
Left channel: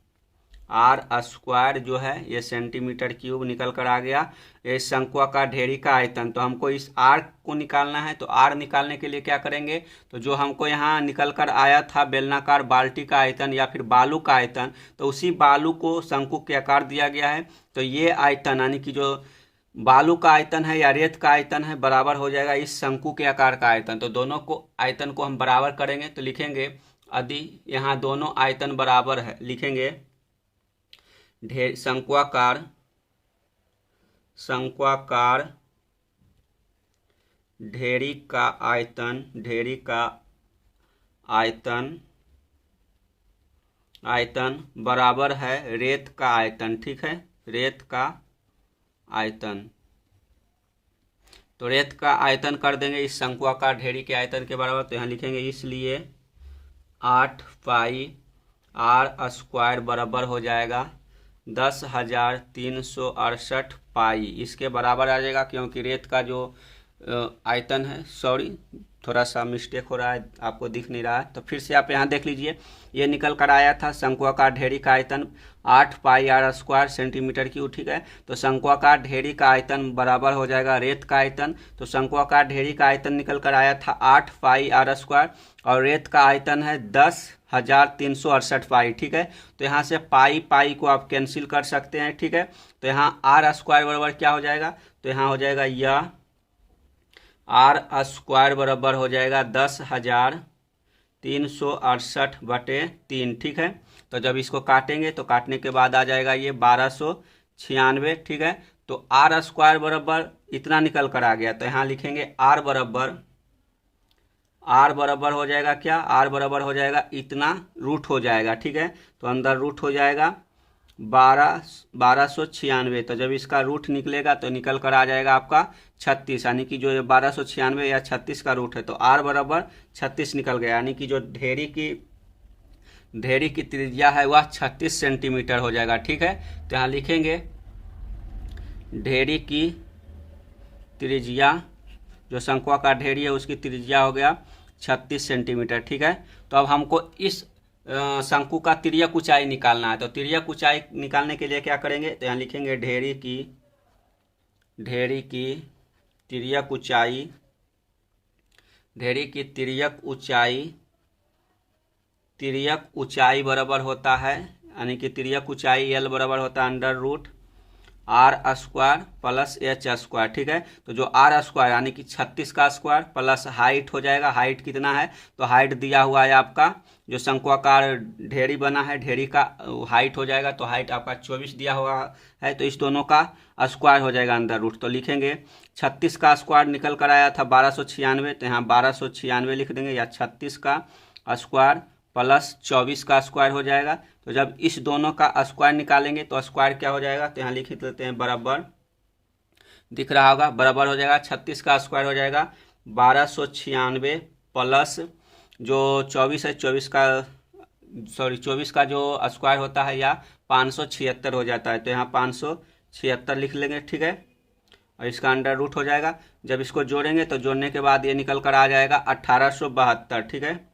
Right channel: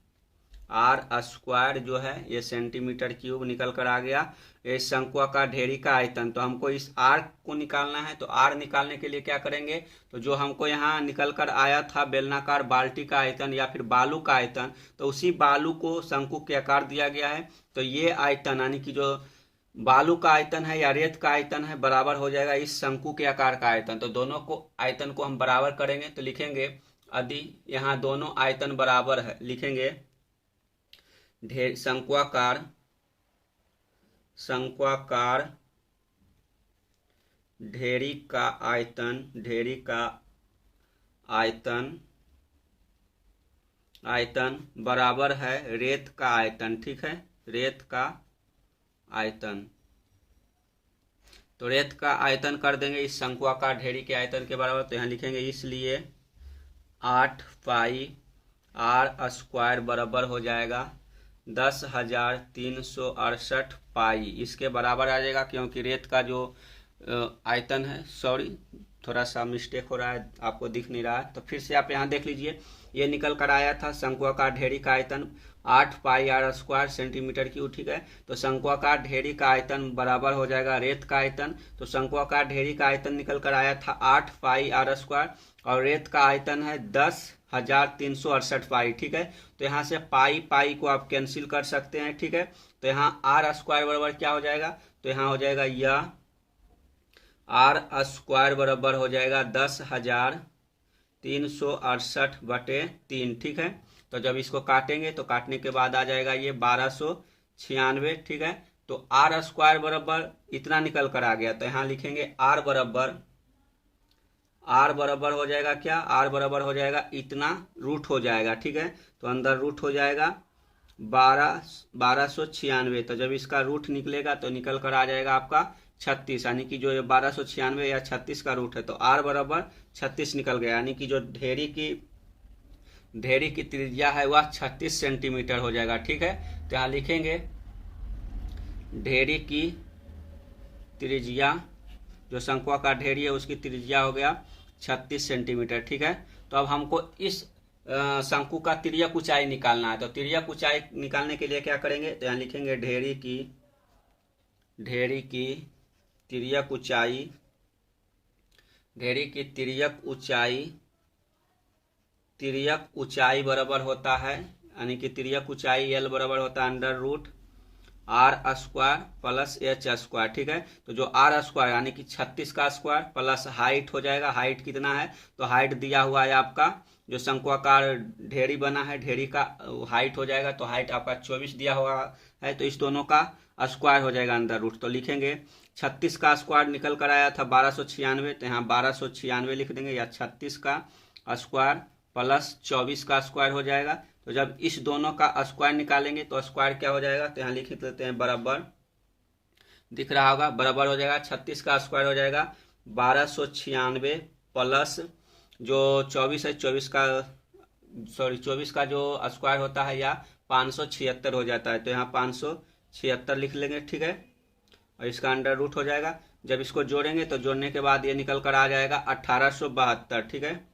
आर स्क्वायर जो है ये सेंटीमीटर क्यूब निकल कर आ गया। ये शंक्वाकार ढेरी का आयतन। तो हमको इस आर को निकालना है, तो आर निकालने के लिए क्या करेंगे, तो जो हमको यहाँ निकल कर आया था बेलनाकार बाल्टी का आयतन या फिर बालू का आयतन, तो उसी बालू को शंकु के आकार दिया गया है। तो ये आयतन यानी कि जो बालू का आयतन है या रेत का आयतन है बराबर हो जाएगा इस शंकु के आकार का आयतन। तो दोनों को आयतन को हम बराबर करेंगे, तो लिखेंगे यदि यहाँ दोनों आयतन बराबर है, लिखेंगे शंक्वाकार ढेरी का आयतन बराबर है रेत का आयतन। ठीक है, रेत का आयतन। तो रेत का आयतन कर देंगे इस शंक्वाकार ढेरी के आयतन के बराबर। तो यहाँ लिखेंगे इसलिए 8 पाई आर स्क्वायर बराबर हो जाएगा 10,368 पाई। इसके बराबर आ जाएगा, क्योंकि रेत का जो आयतन है, सॉरी थोड़ा सा मिस्टेक हो रहा है, आपको दिख नहीं रहा है, तो फिर से आप यहाँ देख लीजिए। ये निकल कर आया था शंक्वाकार ढेरी का आयतन 8 पाई आर स्क्वायर सेंटीमीटर क्यूब। ठीक है, तो शंक्वाकार ढेरी का आयतन बराबर हो जाएगा रेत का आयतन। तो शंक्वाकार ढेरी का आयतन निकल कर आया था 8 पाई आर स्क्वायर और रेत का आयतन है 10,368 पाई। ठीक है, तो यहाँ से पाई को आप कैंसिल कर सकते हैं। ठीक है, तो यहाँ आर स्क्वायर बराबर क्या हो जाएगा, तो यहाँ हो जाएगा यह आर स्क्वायर बराबर हो जाएगा 10,368/3। ठीक है, तो जब इसको काटेंगे तो काटने के बाद आ जाएगा ये 1296। ठीक है, तो आर स्क्वायर बराबर इतना निकल कर आ गया। तो यहाँ लिखेंगे आर बराबर हो जाएगा क्या, आर बराबर हो जाएगा इतना रूट हो जाएगा। ठीक है, तो अंदर रूट हो जाएगा 1296। तो जब इसका रूट निकलेगा तो निकल कर आ जाएगा आपका 36, यानी कि जो 1296 या 36 का रूट है, तो आर बराबर 36 निकल गया। यानी कि जो ढेरी की त्रिज्या है वह 36 सेंटीमीटर हो जाएगा। ठीक है, तो यहाँ लिखेंगे ढेरी की त्रिज्या, जो शंक्वाकार ढेरी है उसकी त्रिज्या हो गया 36 सेंटीमीटर। ठीक है, तो अब हमको इस शंकु का तिर्यक ऊंचाई निकालना है। तो तिर्यक ऊंचाई निकालने के लिए क्या करेंगे, तो यहाँ लिखेंगे ढेरी की तिर्यक ऊंचाई बराबर होता है, यानी कि तिर्यक ऊंचाई एल बराबर होता है under root r square plus h square. ठीक है, तो जो आर स्क्वायर यानी कि 36 का स्क्वायर प्लस हाइट हो जाएगा, हाइट कितना है तो हाइट दिया हुआ है आपका, जो शंक्वाकार ढेरी बना है ढेरी का हाइट हो जाएगा, तो हाइट आपका 24 दिया हुआ है, तो इस दोनों का स्क्वायर हो जाएगा अंदर रूट। तो लिखेंगे 36 का स्क्वायर निकल कर आया था 1296, तो यहाँ 1296 लिख देंगे, या 36 का स्क्वायर प्लस 24 का स्क्वायर हो जाएगा। तो जब इस दोनों का स्क्वायर निकालेंगे तो स्क्वायर क्या हो जाएगा, तो यहाँ लिख लेते हैं बराबर, दिख रहा होगा बराबर हो जाएगा 36 का स्क्वायर हो जाएगा 1296 प्लस जो 24 है 24 का जो स्क्वायर होता है या 576 हो जाता है, तो यहाँ 576 लिख लेंगे। ठीक है, और इसका अंडर रूट हो जाएगा। जब इसको जोड़ेंगे तो जोड़ने के बाद ये निकल कर आ जाएगा 1872। ठीक है,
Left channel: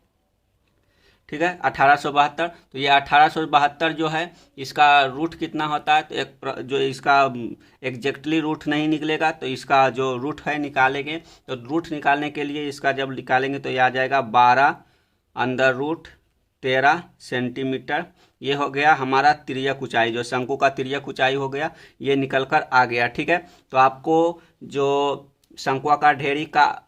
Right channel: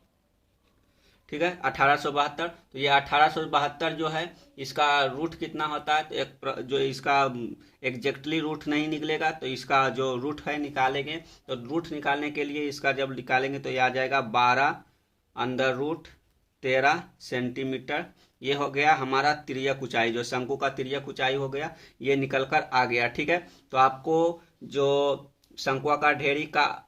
ठीक है 1872। तो ये 1872 जो है इसका रूट कितना होता है, तो एक जो इसका एग्जैक्टली रूट नहीं निकलेगा, तो इसका जो रूट है निकालेंगे, तो रूट निकालने के लिए इसका जब निकालेंगे तो ये आ जाएगा 12 अंडर रूट 13 सेंटीमीटर। ये हो गया हमारा तिर्यक ऊंचाई, जो शंकु का तिर्यक ऊंचाई हो गया, ये निकल कर आ गया। ठीक है, तो आपको जो शंक्वाकार ढेरी का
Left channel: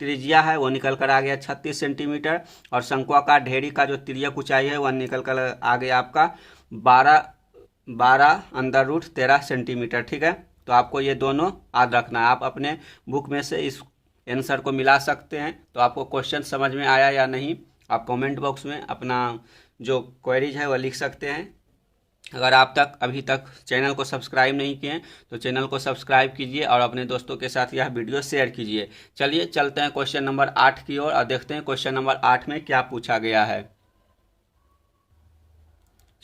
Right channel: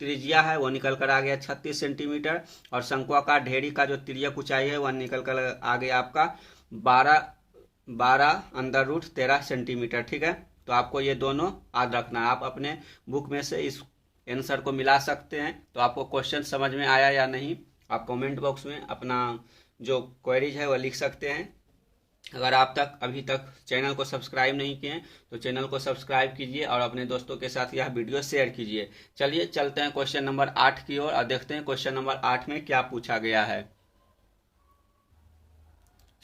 त्रिज्या है वो निकल कर आ गया 36 सेंटीमीटर, और शंक्वाकार ढेरी का जो तिर्यक ऊंचाई है वह निकल कर आ गया आपका 12 अंडर रूट 13 सेंटीमीटर। ठीक है, तो आपको ये दोनों याद रखना है। आप अपने बुक में से इस आंसर को मिला सकते हैं। तो आपको क्वेश्चन समझ में आया या नहीं, आप कमेंट बॉक्स में अपना जो क्वेरीज है वह लिख सकते हैं। अगर आप अभी तक चैनल को सब्सक्राइब नहीं किए हैं तो चैनल को सब्सक्राइब कीजिए और अपने दोस्तों के साथ यह वीडियो शेयर कीजिए। चलिए चलते हैं क्वेश्चन नंबर 8 की ओर और देखते हैं क्वेश्चन नंबर 8 में क्या पूछा गया है।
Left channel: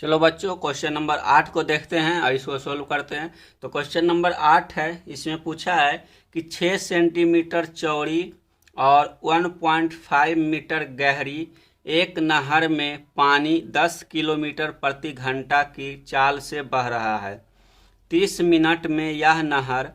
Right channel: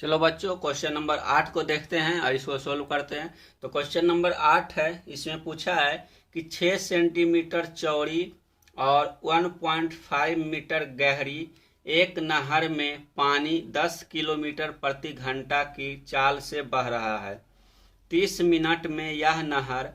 चलो बच्चों, क्वेश्चन नंबर 8 को देखते हैं और इसको सोल्व करते हैं। तो क्वेश्चन नंबर 8 है, इसमें पूछा है कि 6 सेंटीमीटर चौड़ी और 1.5 मीटर गहरी एक नहर में पानी 10 किलोमीटर प्रति घंटा की चाल से बह रहा है। 30 मिनट में यह नहर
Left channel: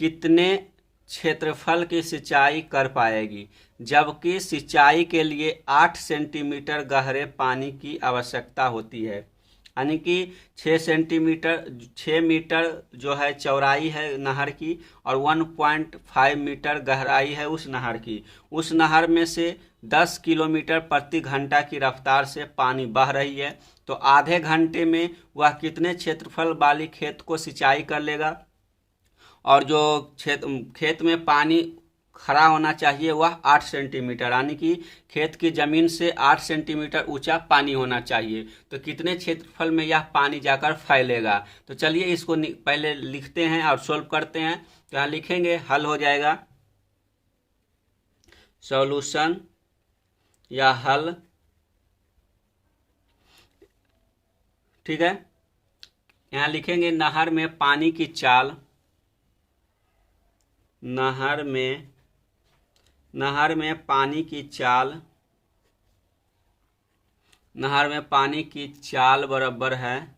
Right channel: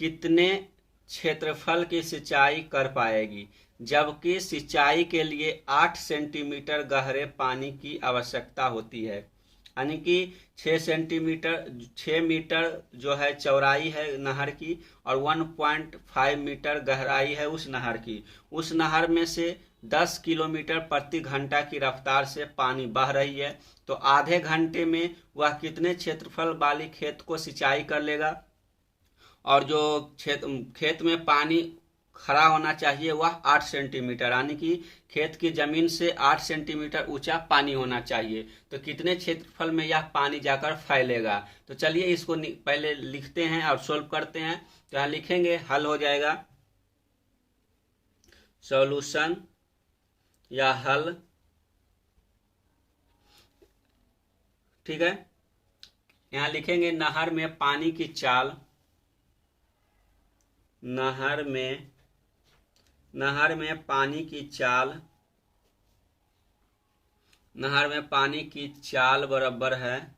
कितने क्षेत्रफल की सिंचाई कर पाएगी, जबकि सिंचाई के लिए 8 सेंटीमीटर गहरे पानी की आवश्यकता होती है। यानी कि 6 मीटर जो है चौड़ाई है नहर की और 1.5 मीटर गहराई है उस नहर की। उस नहर में से 10 किलोमीटर प्रति घंटा की रफ्तार से पानी बह रही है, तो आधे घंटे में वह कितने क्षेत्रफल वाली खेत को सिंचाई कर लेगा, और जो खेत में पानी खड़ा होना चाहिए वह 8 सेंटीमीटर, यानी कि खेत की जमीन से 8 सेंटीमीटर ऊंचा पानी होना चाहिए, तो कितने क्षेत्रफल में यह पानी जाकर फैलेगा। तो चलिए इसको पहले लिखते हैं और सोल्व करते हैं। तो यहाँ लिखेंगे, हल हो जाएगा सॉल्यूशन या हल। ठीक है, यहाँ लिखेंगे नहर में पानी की चाल, नहर में पानी की चाल बराबर है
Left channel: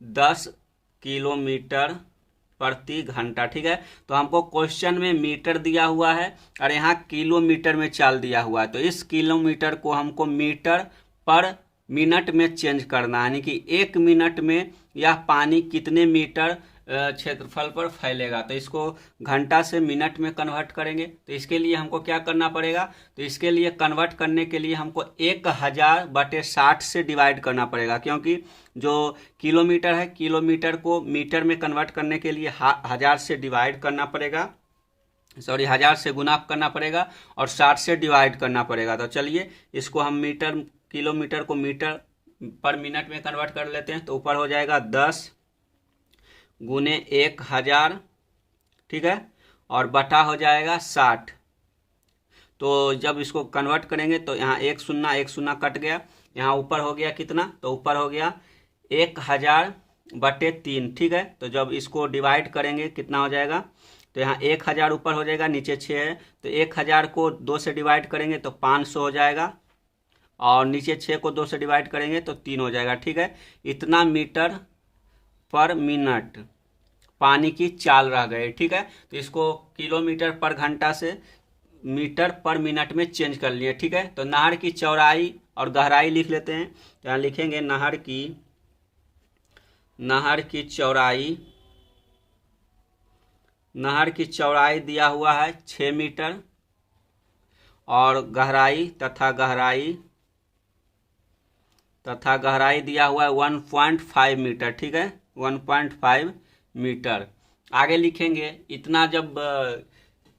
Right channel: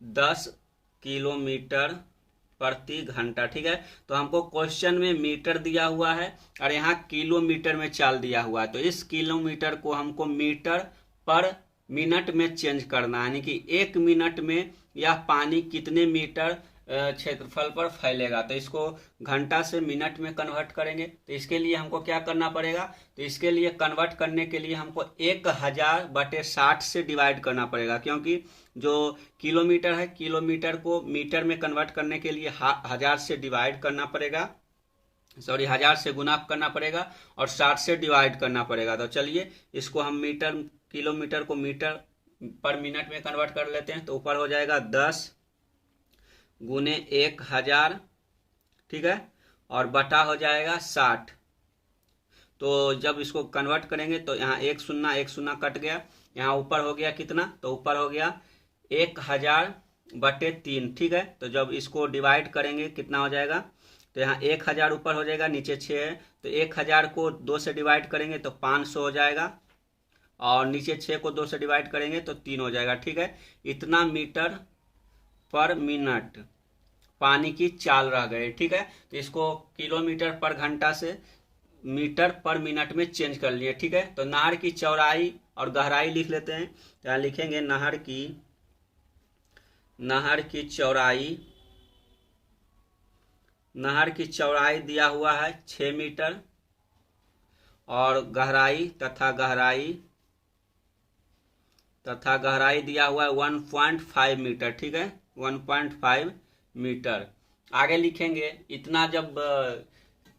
10 किलोमीटर प्रति घंटा। ठीक है, तो हमको क्वेश्चन में मीटर दिया हुआ है और यहाँ किलोमीटर में चाल दिया हुआ है, तो इस किलोमीटर को हमको मीटर पर मिनट में चेंज करना, यानी कि 1 मिनट में यह पानी कितने मीटर क्षेत्रफल पर फैलेगा। तो इसको घंटा से मिनट में कन्वर्ट करेंगे, तो इसके लिए हमको क्या करना पड़ेगा, तो इसके लिए कन्वर्ट करने के लिए हमको 1000/60 से डिवाइड करना पड़ेगा, क्योंकि जो किलोमीटर है किलोमीटर को मीटर में कन्वर्ट करने के लिए 1000 से डिवाइड करना पड़ेगा, 1000 से गुना करना पड़ेगा और 60 से डिवाइड करना पड़ेगा। तो चलिए इसको हम किलोमीटर को मीटर पर मिनट में कन्वर्ट कर लेते हैं। तो ऊपर हो जाएगा 10 गुने 1000, ठीक है, और बटा हो जाएगा 60। तो जब इसको कन्वर्ट करेंगे तो यहाँ 1 0 कट गया, यहाँ ऊपर हो गया कितना, तो ऊपर हो गया 1000/3। ठीक है, तो जब इसको डिवाइड करेंगे कितना हो जाएगा, तो यहाँ 1000 ऊपर हो जाएगा, नीचे 6 है, तो 1000 को 2 से डिवाइड करेंगे तो 500 हो जाएगा, और नीचे 6 को 2 से डिवाइड करेंगे तो 3 हो जाएगा। ठीक है, इतना मीटर पर मिनट पानी की चाल रह गए। ठीक है, तो इसको किलोमीटर पर घंटा से मीटर पर मिनट में चेंज कर लिए। ठीक है, तो नहर की चौड़ाई और गहराई लिख लेते हैं। तो यहाँ लिखेंगे नहर की चौड़ाई नहर की चौड़ाई दिया हुआ है 6 मीटर और गहराई तथा गहराई दिया हुआ है 1.5 मीटर। ठीक है, 1.5 मीटर। आगे लिखेंगे इतना जब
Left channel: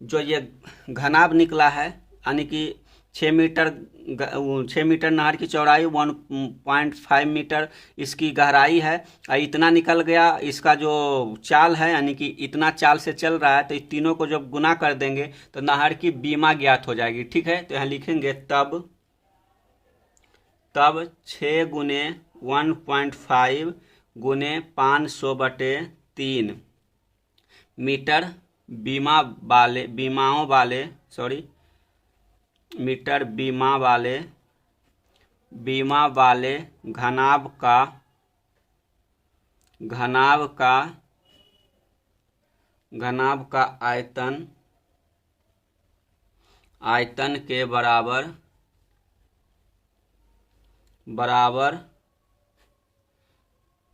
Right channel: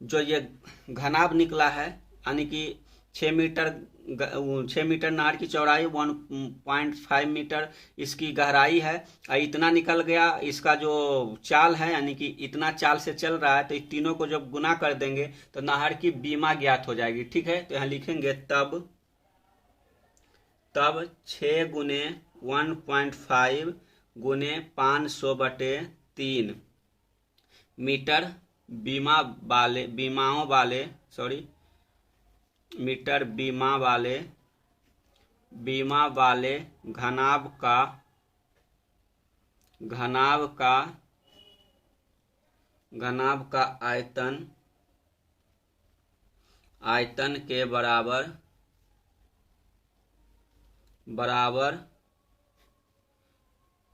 जो ये घनाभ निकला है, यानी कि 6 मीटर नहर की चौड़ाई, 1.5 मीटर इसकी गहराई है, और इतना निकल गया इसका जो चाल है, यानी कि इतना चाल से चल रहा है, तो इस तीनों को जब गुना कर देंगे तो नहर की बीमा ज्ञात हो जाएगी। ठीक है, तो यहाँ लिखेंगे तब 6 गुने 1.5 गुने 500/3 मीटर मीटर बीमा वाले घनाभ का आयतन के बराबर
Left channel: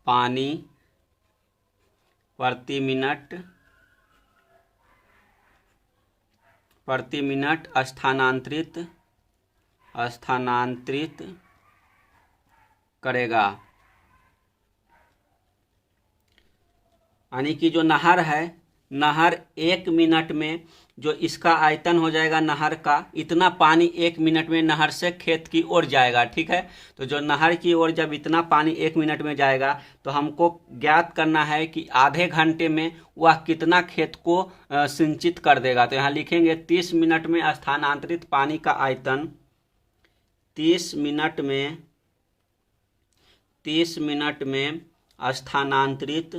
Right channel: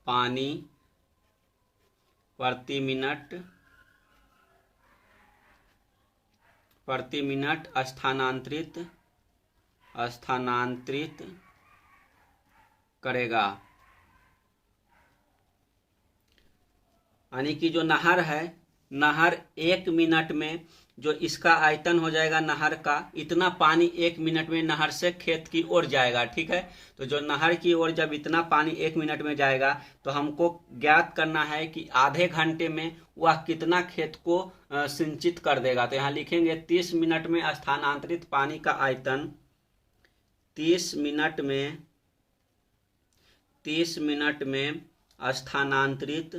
पानी प्रति मिनट स्थानांतरित करेगा। यानी कि जो नहर है, नहर 1 मिनट में जो इसका आयतन हो जाएगा नहर का, इतना पानी 1 मिनट में नहर से खेत की ओर जाएगा। ठीक है, तो जो नहर की ओर जब इतना पानी 1 मिनट में जाएगा तो हमको ज्ञात करना है कि आधे घंटे में वह कितना खेत को सिंचित कर देगा। तो यहाँ लिखेंगे 30 मिनट में स्थानांतरित पानी का आयतन, 30 मिनट में स्थानांतरित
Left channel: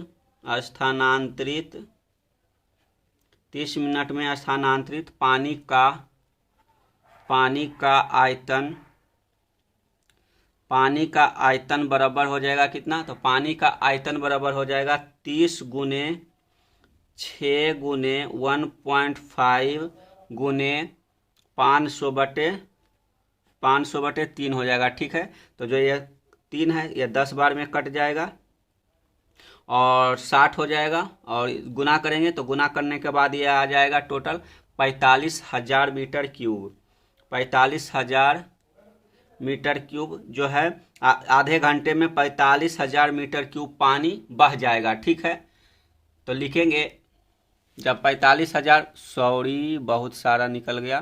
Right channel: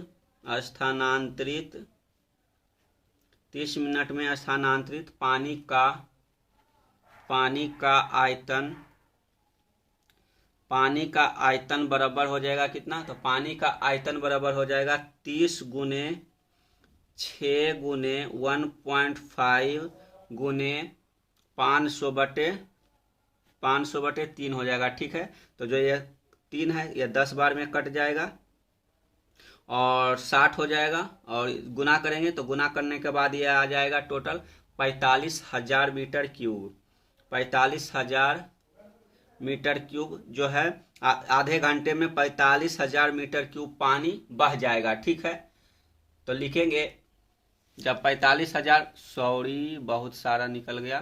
30 मिनट में स्थानांतरित पानी का आयतन बराबर हो जाएगा कितना? तो पानी का आयतन बराबर हो जाएगा 30 गुने 6 गुने 1.5 गुने 500/3 हो जाएगा। ठीक है, तो जो ये 3 है ये 10 बार में कट जाएगा और 60 हो जाएगा, और गुना करेंगे तो गुना करने के बाद ये आ जाएगा total 45,000 metre cube. 45,000 metre cube जो है आधे घंटे में 45,000 मीटर क्यूब पानी बह जाएगा। ठीक है, तो लिखेंगे जब 45,000, सॉरी बहुत सारा निकल गया,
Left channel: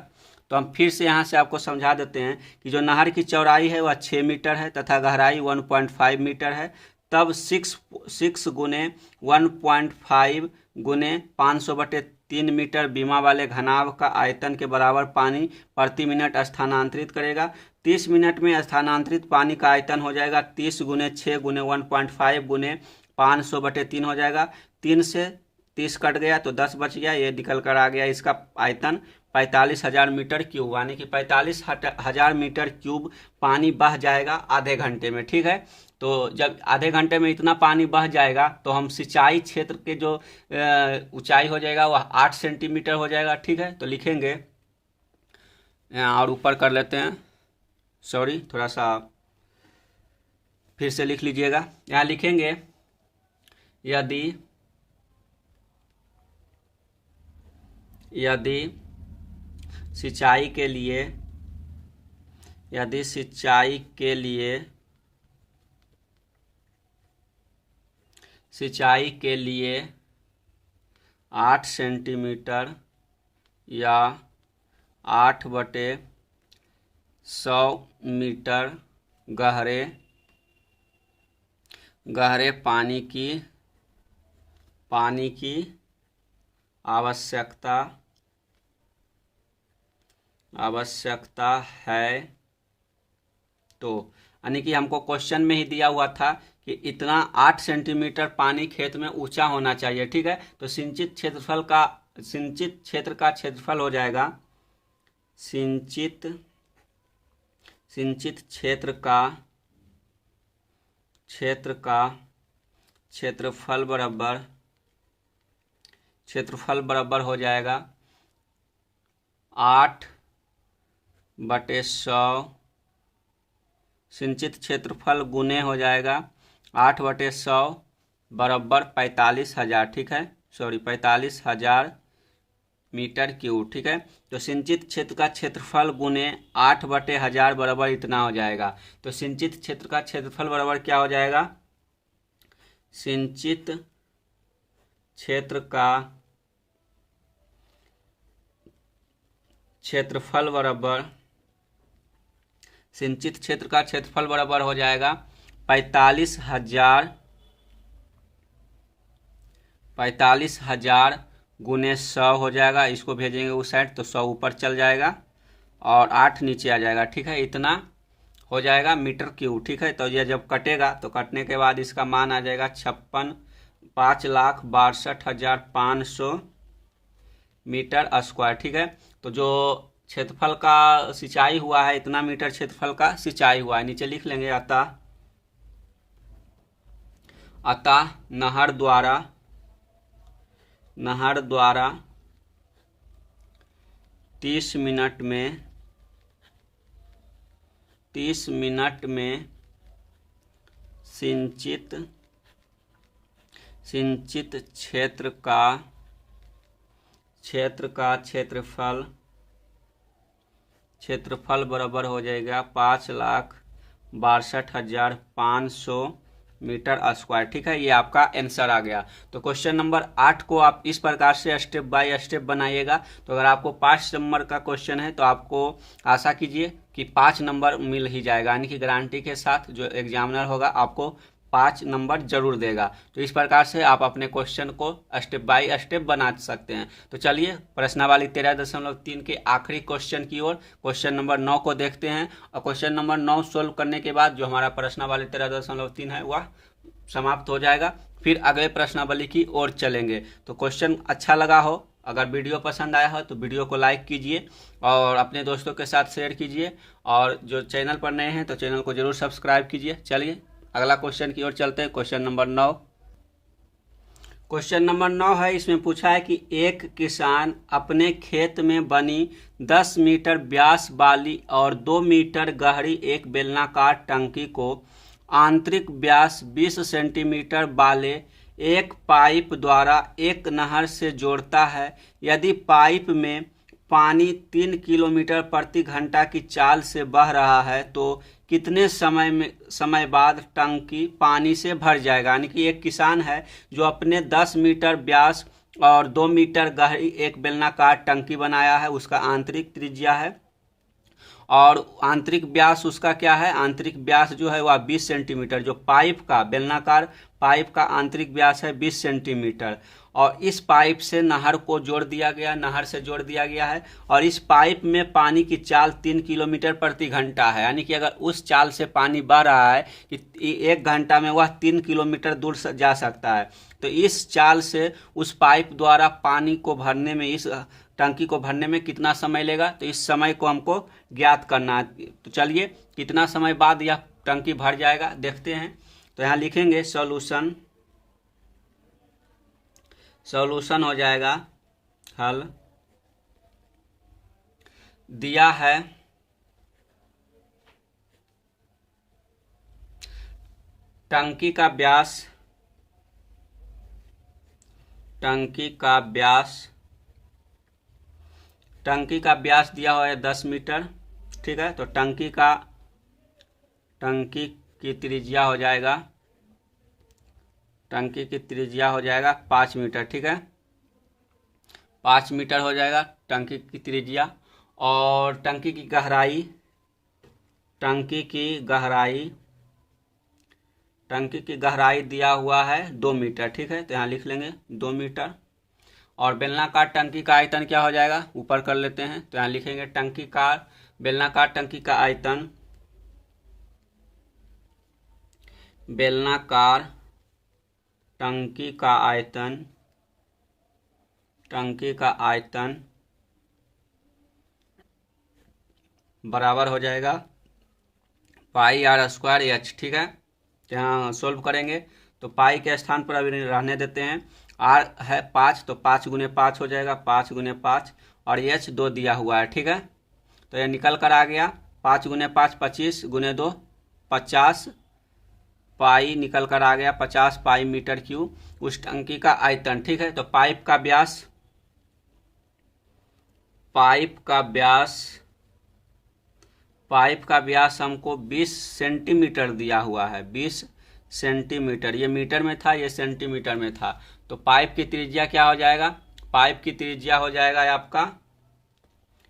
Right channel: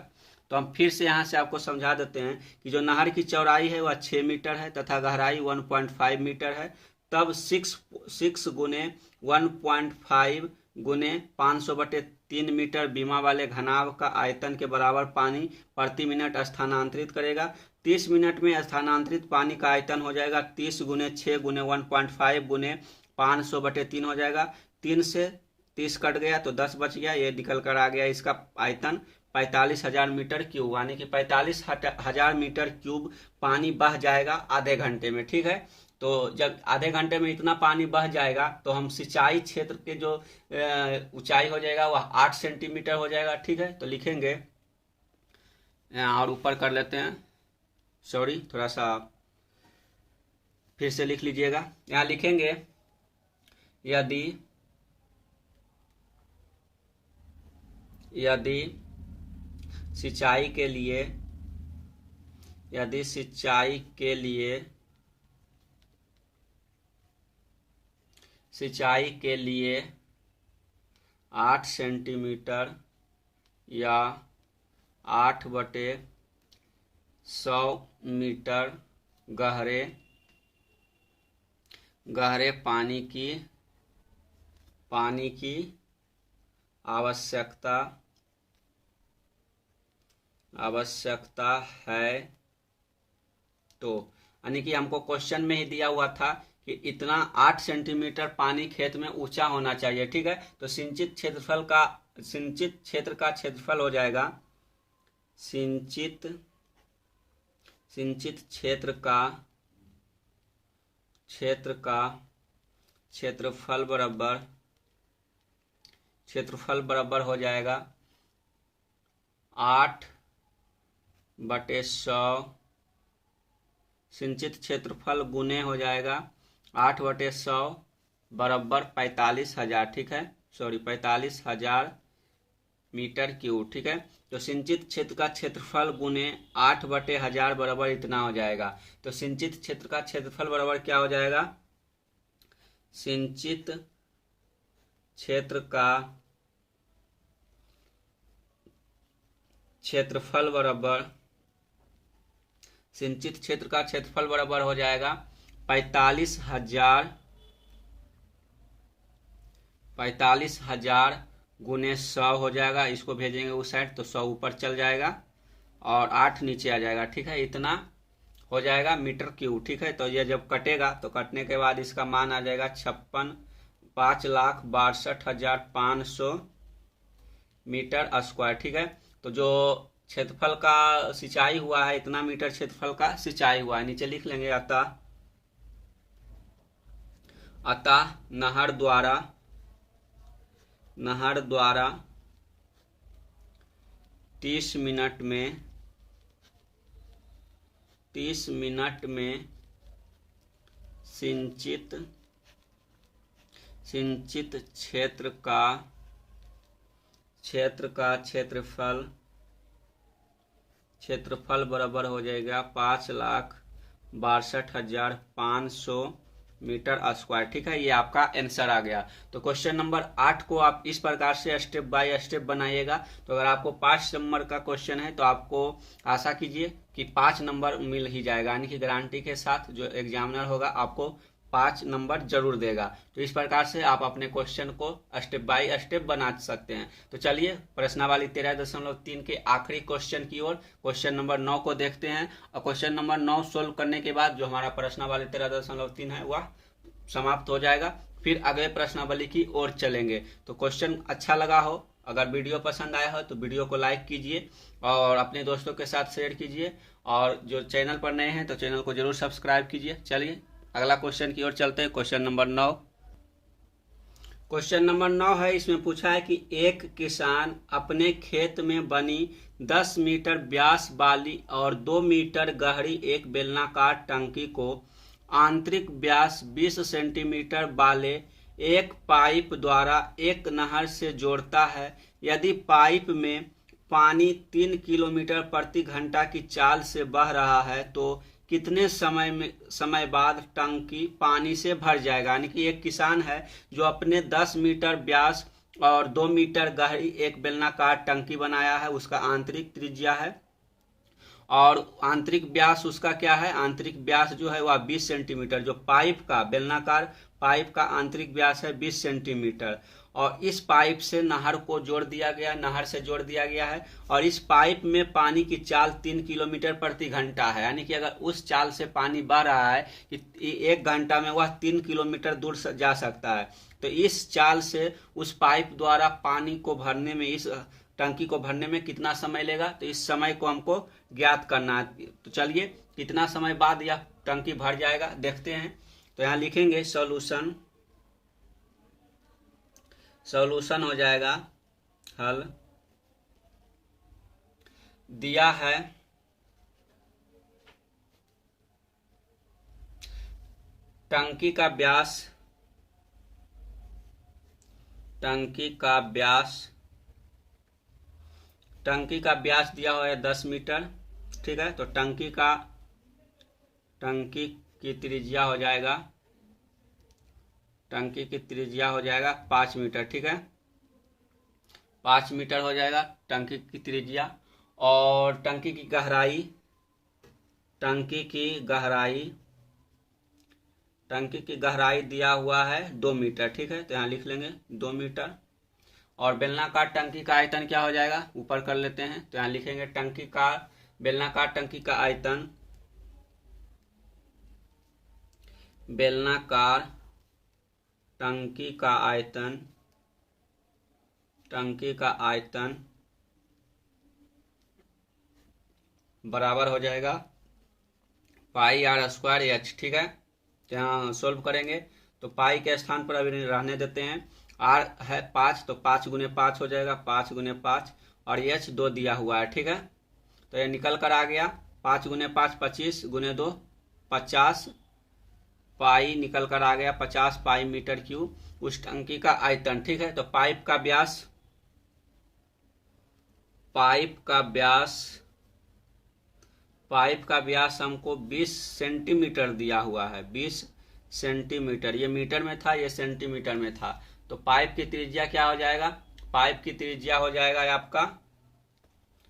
तो हम फिर से यहाँ से आपको समझा देते हैं कि जो नहर की चौड़ाई है वह 6 मीटर है तथा गहराई 1.5 मीटर है। तब 6 गुने 1.5 गुने 500/3 मीटर बीमा वाले घनाभ का आयतन के बराबर पानी प्रति मिनट स्थानांतरित करेगा। 30 मिनट में स्थानांतरित पानी का आयतन हो जाएगा 30 गुने 6 गुने 1.5 गुने 500/3 हो जाएगा। 3 से 30 कट गया तो 10 बच गया, ये निकल कर आ गया इसका आयतन 45,000 मीटर क्यूब, यानी कि 45,000 मीटर क्यूब पानी बह जाएगा आधे घंटे में। ठीक है, तो जब आधे घंटे में इतना पानी बह जाएगा तो हम सिंचाई क्षेत्र के जो ऊंचाई हो जाएगा वह 8 सेंटीमीटर हो जाएगा। ठीक है, तो लिखेंगे और ऊपर कर लेते हैं, सॉरी थोड़ा सा फिर से लिख लीजिएगा। यहाँ लिखेंगे यदि सिंचाई के लिए 8 सेंटीमीटर या 8/100 मीटर गहरे पानी की आवश्यकता है, तो यानी कि हमको क्वेश्चन में ही दिया हुआ था कि इतना 8 सेंटीमीटर पानी खेत में ऊंचा होना चाहिए। ठीक है, तो सिंचित क्षेत्र का क्षेत्रफल हो जाएगा, सिंचित क्षेत्र का क्षेत्रफल बराबर हो जाएगा 8/100, सिंचित क्षेत्रफल गुने हो जाएगा 8/100 बराबर 45,000। ठीक है, 45,000 मीटर क्यूब। ठीक है, तो सिंचित क्षेत्र का क्षेत्रफल गुने 8/1000 बराबर इतना हो जाएगा। तो सिंचित क्षेत्र का क्षेत्रफल बराबर क्या हो जाएगा? सिंचित क्षेत्र का क्षेत्रफल बराबर सिंचित क्षेत्र का क्षेत्रफल बराबर हो जाएगा 45,000 गुने 100 हो जाएगा। इसको भेजेंगे उस साइड तो 100 ऊपर चल जाएगा और 8 नीचे आ जाएगा। ठीक है, इतना हो जाएगा मीटर क्यूब। ठीक है, तो ये जब कटेगा तो कटने के बाद इसका मान आ जाएगा 5,62,500 मीटर स्क्वायर। ठीक है, तो जो क्षेत्रफल का सिंचाई हुआ है इतना मीटर क्षेत्रफल का सिंचाई हुआ है। नीचे लिख लेंगे अतः नहर द्वारा 30 मिनट में सिंचित क्षेत्र का क्षेत्रफल बराबर हो जाएगा 5,62,500 मीटर स्क्वायर। ठीक है, ये आपका आंसर आ गया। तो क्वेश्चन नंबर 8 को आप इस प्रकार से स्टेप बाय स्टेप बनाइएगा। तो अगर आपको 5 नंबर का क्वेश्चन है तो आपको आशा कीजिए कि 5 नंबर मिल ही जाएगा, यानी कि गारंटी के साथ जो एग्जामिनर होगा आपको 5 नंबर जरूर देगा। तो इस प्रकार से आप अपने क्वेश्चन को स्टेप बाय स्टेप बना सकते हैं। तो चलिए प्रश्नावली 13.3 के आखिरी क्वेश्चन की ओर क्वेश्चन नंबर 9 को देखते हैं। और क्वेश्चन नंबर 9 सोल्व करने के बाद जो हमारा प्रश्नावली 13.3 है वह समाप्त हो जाएगा। फिर अगले प्रश्नावली की ओर चलेंगे। तो क्वेश्चन अच्छा लगा हो, अगर वीडियो पसंद आया हो तो वीडियो को लाइक कीजिए और अपने दोस्तों के साथ शेयर कीजिए, और जो चैनल पर नए हैं तो चैनल को जरूर सब्सक्राइब कीजिए। चलिए अगला क्वेश्चन की ओर चलते हैं। क्वेश्चन नंबर 9 है, इसमें पूछा है कि एक किसान अपने खेत में बनी 10 मीटर व्यास वाली और 2 मीटर गहरी एक बेलनाकार टंकी को आंतरिक व्यास 20 सेंटीमीटर वाले एक पाइप द्वारा एक नहर से जोड़ता है। यदि पाइप में पानी 3 किलोमीटर प्रति घंटा की चाल से बह रहा है तो कितने समय बाद टंकी पानी से भर जाएगा। यानी कि एक किसान है जो अपने 10 मीटर व्यास और 2 मीटर गहरी एक बेलनाकार टंकी बनाया है, उसका आंतरिक त्रिज्या है और आंतरिक व्यास उसका क्या है, आंतरिक व्यास जो है वह 20 सेंटीमीटर। जो पाइप का बेलनाकार पाइप का आंतरिक व्यास है 20 सेंटीमीटर, और इस पाइप से नहर को जोड़ दिया गया, नहर से जोड़ दिया गया है, और इस पाइप में पानी की चाल 3 किलोमीटर प्रति घंटा है। यानी कि अगर उस चाल से पानी बह रहा है कि 1 घंटा में वह 3 किलोमीटर दूर जा सकता है, तो इस चाल से उस पाइप द्वारा पानी को भरने में, इस टंकी को भरने में कितना समय लेगा, तो इस समय को हमको ज्ञात करना है। तो चलिए कितना समय बाद यह टंकी भर जाएगा देखते हैं। तो यहाँ लिखेंगे सॉल्यूशन हो जाएगा, हल दिया है टंकी का व्यास दिया हुआ है 10 मीटर। ठीक है, तो टंकी की त्रिज्या हो जाएगा, 5 मीटर। ठीक है, 5 मीटर हो जाएगा टंकी की त्रिज्या। और टंकी की गहराई दिया हुआ है 2 मीटर। ठीक है, तो यहाँ लिख लेंगे 2 मीटर। और बेलनाकार टंकी का आयतन क्या हो जाएगा, ऊपर कर लेते हैं। तो यहाँ लिखेंगे बेलनाकार टंकी का आयतन, बराबर हो जाएगा पाई r स्क्वायर h। ठीक है, तो यहाँ सोल्व करेंगे तो पाई के स्थान पर अभी रहने देते हैं। r है 5, तो 5 गुने 5 हो जाएगा, 5 गुने 5, और h 2 दिया हुआ है। ठीक है, तो ये निकल कर आ गया 5 गुने 5 25 गुने 2 50 पाई निकल कर आ गया 50 पाई मीटर क्यूब उस टंकी का आयतन। ठीक है, तो पाइप का व्यास हमको 20 सेंटीमीटर दिया हुआ है। 20 सेंटीमीटर, ये मीटर में था, ये सेंटीमीटर में था। तो पाइप की त्रिज्या क्या हो जाएगा? पाइप की त्रिज्या हो जाएगा आपका,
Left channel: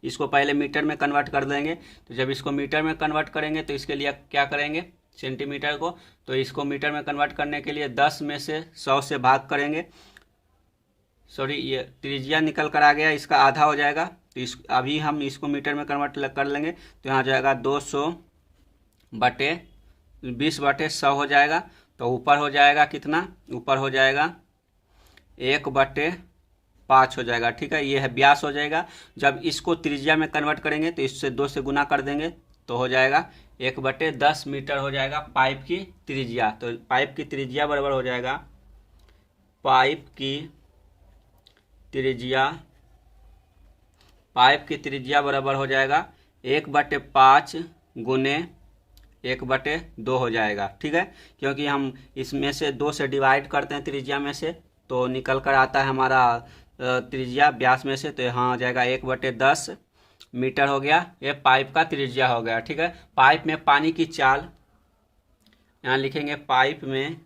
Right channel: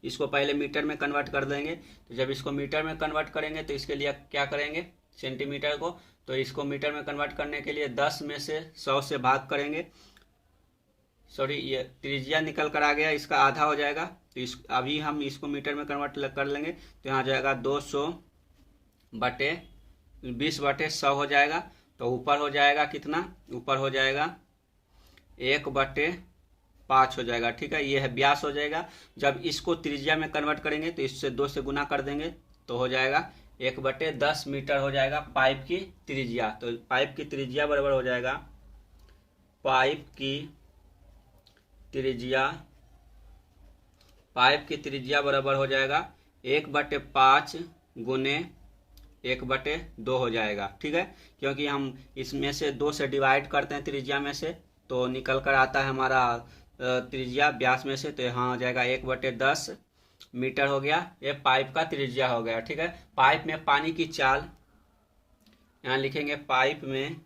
इसको पहले मीटर में कन्वर्ट कर देंगे। तो जब इसको मीटर में कन्वर्ट करेंगे तो इसके लिए क्या करेंगे, सेंटीमीटर को, तो इसको मीटर में कन्वर्ट करने के लिए 10 में से 100 से भाग करेंगे। सॉरी, ये त्रिज्या निकल कर आ गया, इसका आधा हो जाएगा। तो अभी हम इसको मीटर में कन्वर्ट कर लेंगे, तो यहाँ जाएगा 200 बटे 20/100 हो जाएगा। तो ऊपर हो जाएगा कितना? ऊपर हो जाएगा 1/5 हो जाएगा। ठीक है, ये है व्यास हो जाएगा। जब इसको त्रिज्या में कन्वर्ट करेंगे तो इससे 2 से गुना कर देंगे तो हो जाएगा 1/10 मीटर हो जाएगा पाइप की त्रिज्या। तो पाइप की त्रिज्या बराबर हो जाएगा, पाइप की त्रिज्या बराबर हो जाएगा 1/5 गुने 1/2 हो जाएगा। ठीक है, क्योंकि हम इसमें से 2 से डिवाइड करते हैं त्रिज्या में से, तो निकल कर आता है हमारा त्रिज्या व्यास में से, तो यहाँ हो जाएगा 1/10 मीटर हो गया। ये पाइप का त्रिज्या हो गया। ठीक है, पाइप में पानी की चाल, यहाँ लिखेंगे पाइप में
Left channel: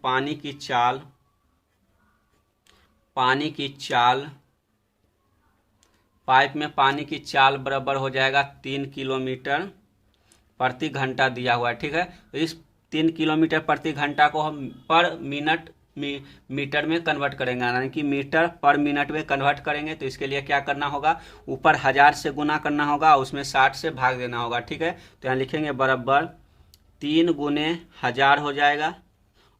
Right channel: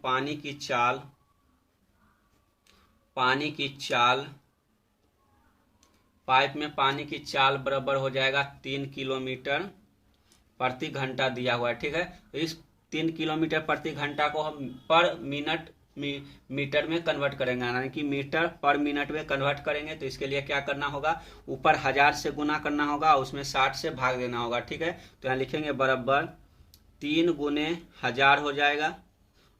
पानी की चाल, पाइप में पानी की चाल बराबर हो जाएगा 3 किलोमीटर प्रति घंटा दिया हुआ है। ठीक है, तो इस 3 किलोमीटर प्रति घंटा को हम पर मिनट मीटर में कन्वर्ट करेंगे, यानी कि मीटर पर मिनट में कन्वर्ट करेंगे। तो इसके लिए क्या करना होगा, ऊपर 1000 से गुना करना होगा, उसमें 60 से भाग देना होगा। ठीक है, तो यहाँ लिखेंगे बराबर 3 गुने 1000 हो जाएगा,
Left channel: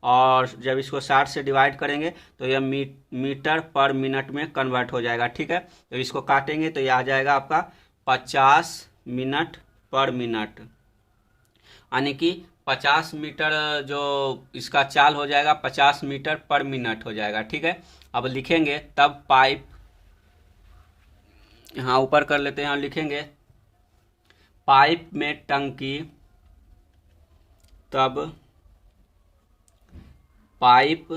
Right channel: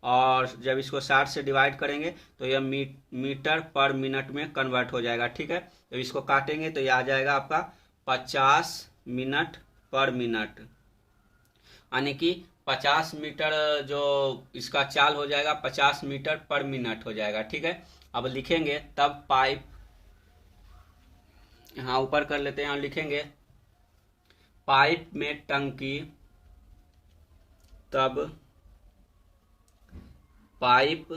और जब इसको 60 से डिवाइड करेंगे तो यह मीटर पर मिनट में कन्वर्ट हो जाएगा। ठीक है, तो इसको काटेंगे तो यह आ जाएगा आपका 50 मिनट पर मिनट, यानी कि 50 मीटर जो इसका चाल हो जाएगा 50 मीटर पर मिनट हो जाएगा। ठीक है, अब लिखेंगे तब पाइप, यहाँ ऊपर कर लेते हैं, यहाँ लिखेंगे पाइप में टंकी, तब पाइप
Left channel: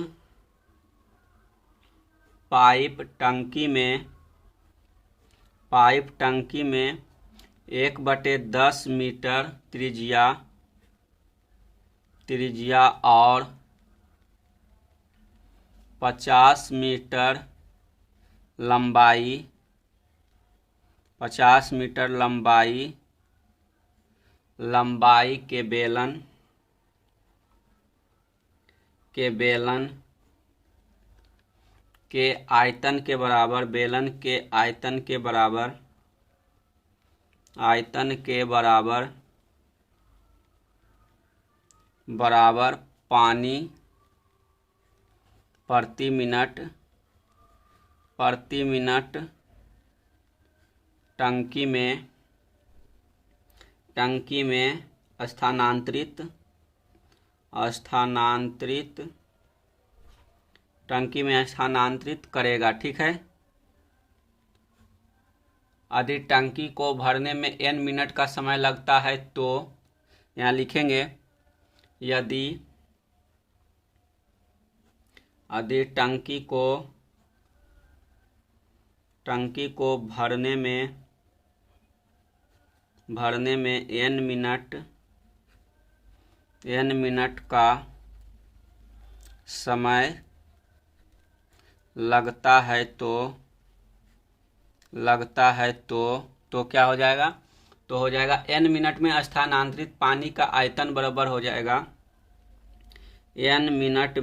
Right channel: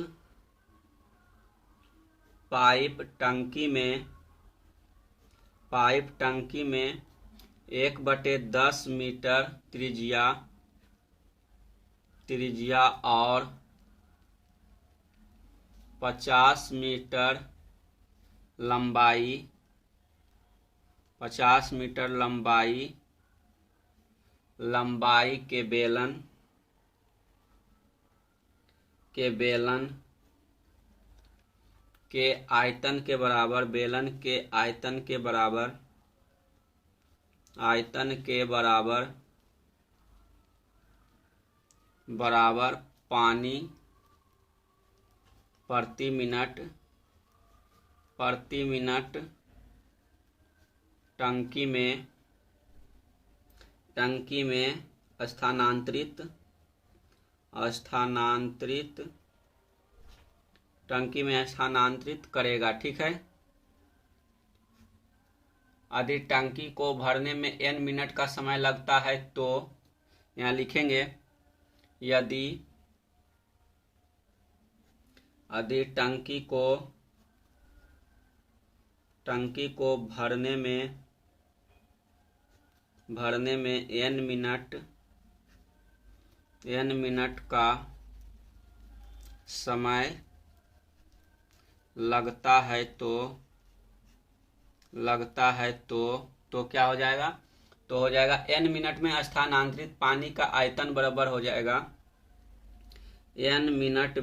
टंकी में 1/10 मीटर त्रिज्या और 50 मीटर लंबाई के बेलन के आयतन के बराबर पानी प्रति मिनट टंकी में स्थानांतरित करेगा। ठीक है, यदि टंकी को भरने में n मिनट का समय लगता है तो यहाँ लिखेंगे यदि टंकी को भरने में n मिनट का समय लगता है तो क्या हो जाएगा, तो हो जाएगा n मिनट में स्थानांतरित पानी का आयतन बराबर हो जाएगा n मिनट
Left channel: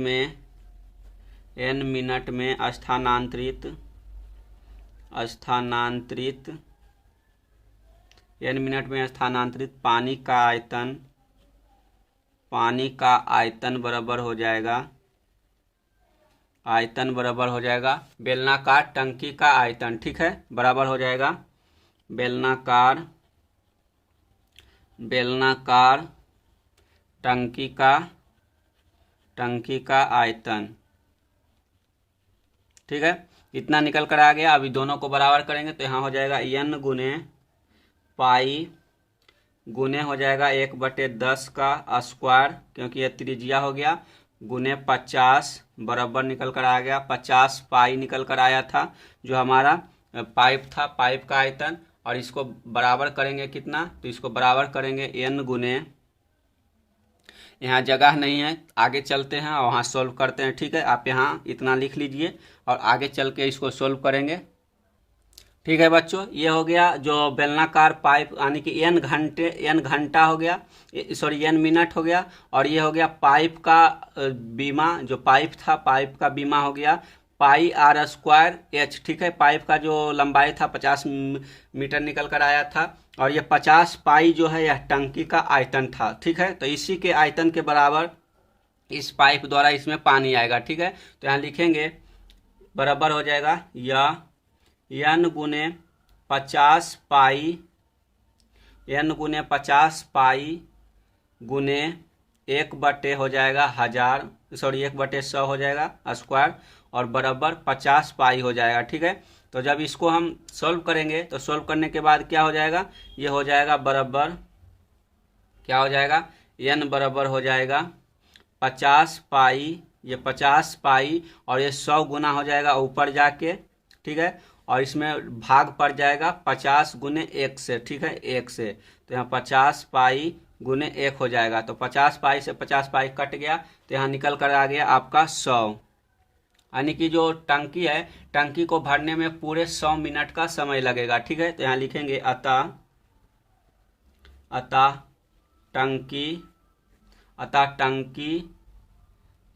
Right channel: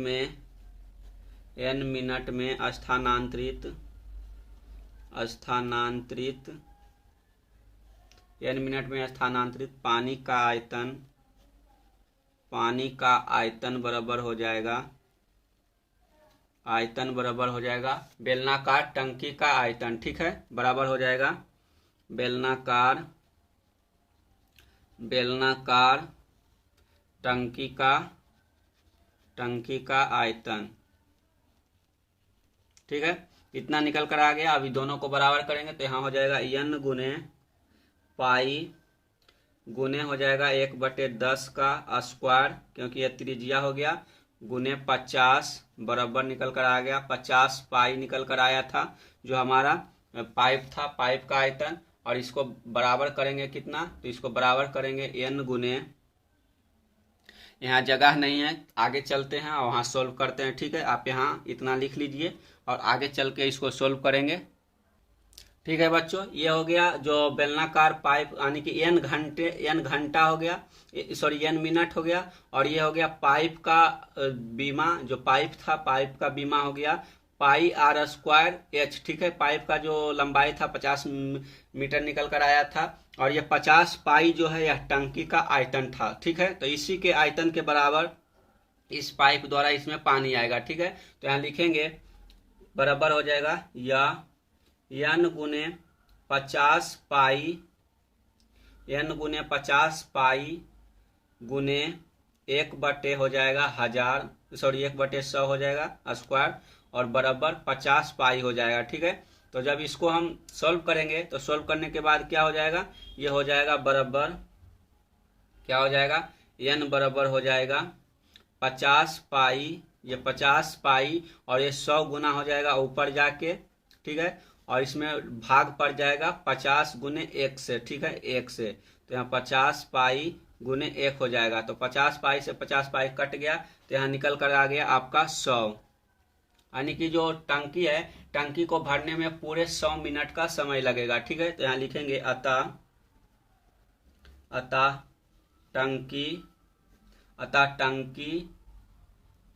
में स्थानांतरित पानी का आयतन बराबर हो जाएगा बेलनाकार टंकी का आयतन। ठीक है, बराबर हो जाएगा बेलनाकार टंकी का आयतन। ठीक है, इतना निकल कर आ गया। अभी दोनों को बराबर करेंगे तो यहाँ हो जाएगा n गुने पाई गुने हो जाएगा 1/10 का स्क्वायर, क्योंकि ये त्रिज्या हो गया, गुने 50 बराबर निकल कर आ गया 50 पाई निकल कर आया था जो हमारा पाइप था, पाइप का आयतन। और इसको बराबर करेंगे कितना, तो इसको बराबर करेंगे n गुने, यहाँ जगह नहीं है, आगे चलते हैं और वहाँ सोल्व करते हैं। ठीक है, आप यहाँ इतना लिख लीजिए और आगे चल के इसको सोल्व करेंगे। ठीक है बच्चों, ये हो गया जो बेलनाकार पाइप, यानी कि एन घंटा हो गया, सॉरी एन मिनट हो गया। और ये हो गया पाइप का बीमा, जो पाइप था पाइप का बीमा हो गया पाई आर स्क्वायर एच। ठीक है, पाइप का जो लंबाई था 50 मीटर निकल कर आया था। और ये 50 पाई जो है यह टंकी का आयतन था। ठीक है, तो इसी के आयतन के बराबर इस पाइप द्वारा इसमें पानी आएगा। ठीक है, तो यहाँ लिखेंगे बराबर हो जाएगा या n गुने 50 पाई, n गुने 50 पाई गुने 1/, हो जाएगा 1000, सॉरी 1/100 हो जाएगा स्क्वायर, और बराबर 50 पाई हो जाएगा। ठीक है, तो जब इसको हम सॉल्व करेंगे तो सॉल्व करने के बाद क्या हो जाएगा, ये हो जाएगा बराबर, क्या हो जाएगा, n बराबर हो जाएगा 50 पाई, ये 50 पाई और ये 100 गुना हो जाएगा ऊपर जाके। ठीक है, और इसमें भाग पड़ जाएगा 50 गुने 1 से। ठीक है, 1 से, तो यहाँ 50 पाई गुने 1 हो जाएगा, तो 50 पाई से 50 पाई कट गया, तो यहाँ निकल कर आ गया आपका 100। यानी कि जो टंकी है, टंकी को भरने में पूरे 100 मिनट का समय लगेगा। ठीक है, तो यहाँ लिखेंगे अतः टंकी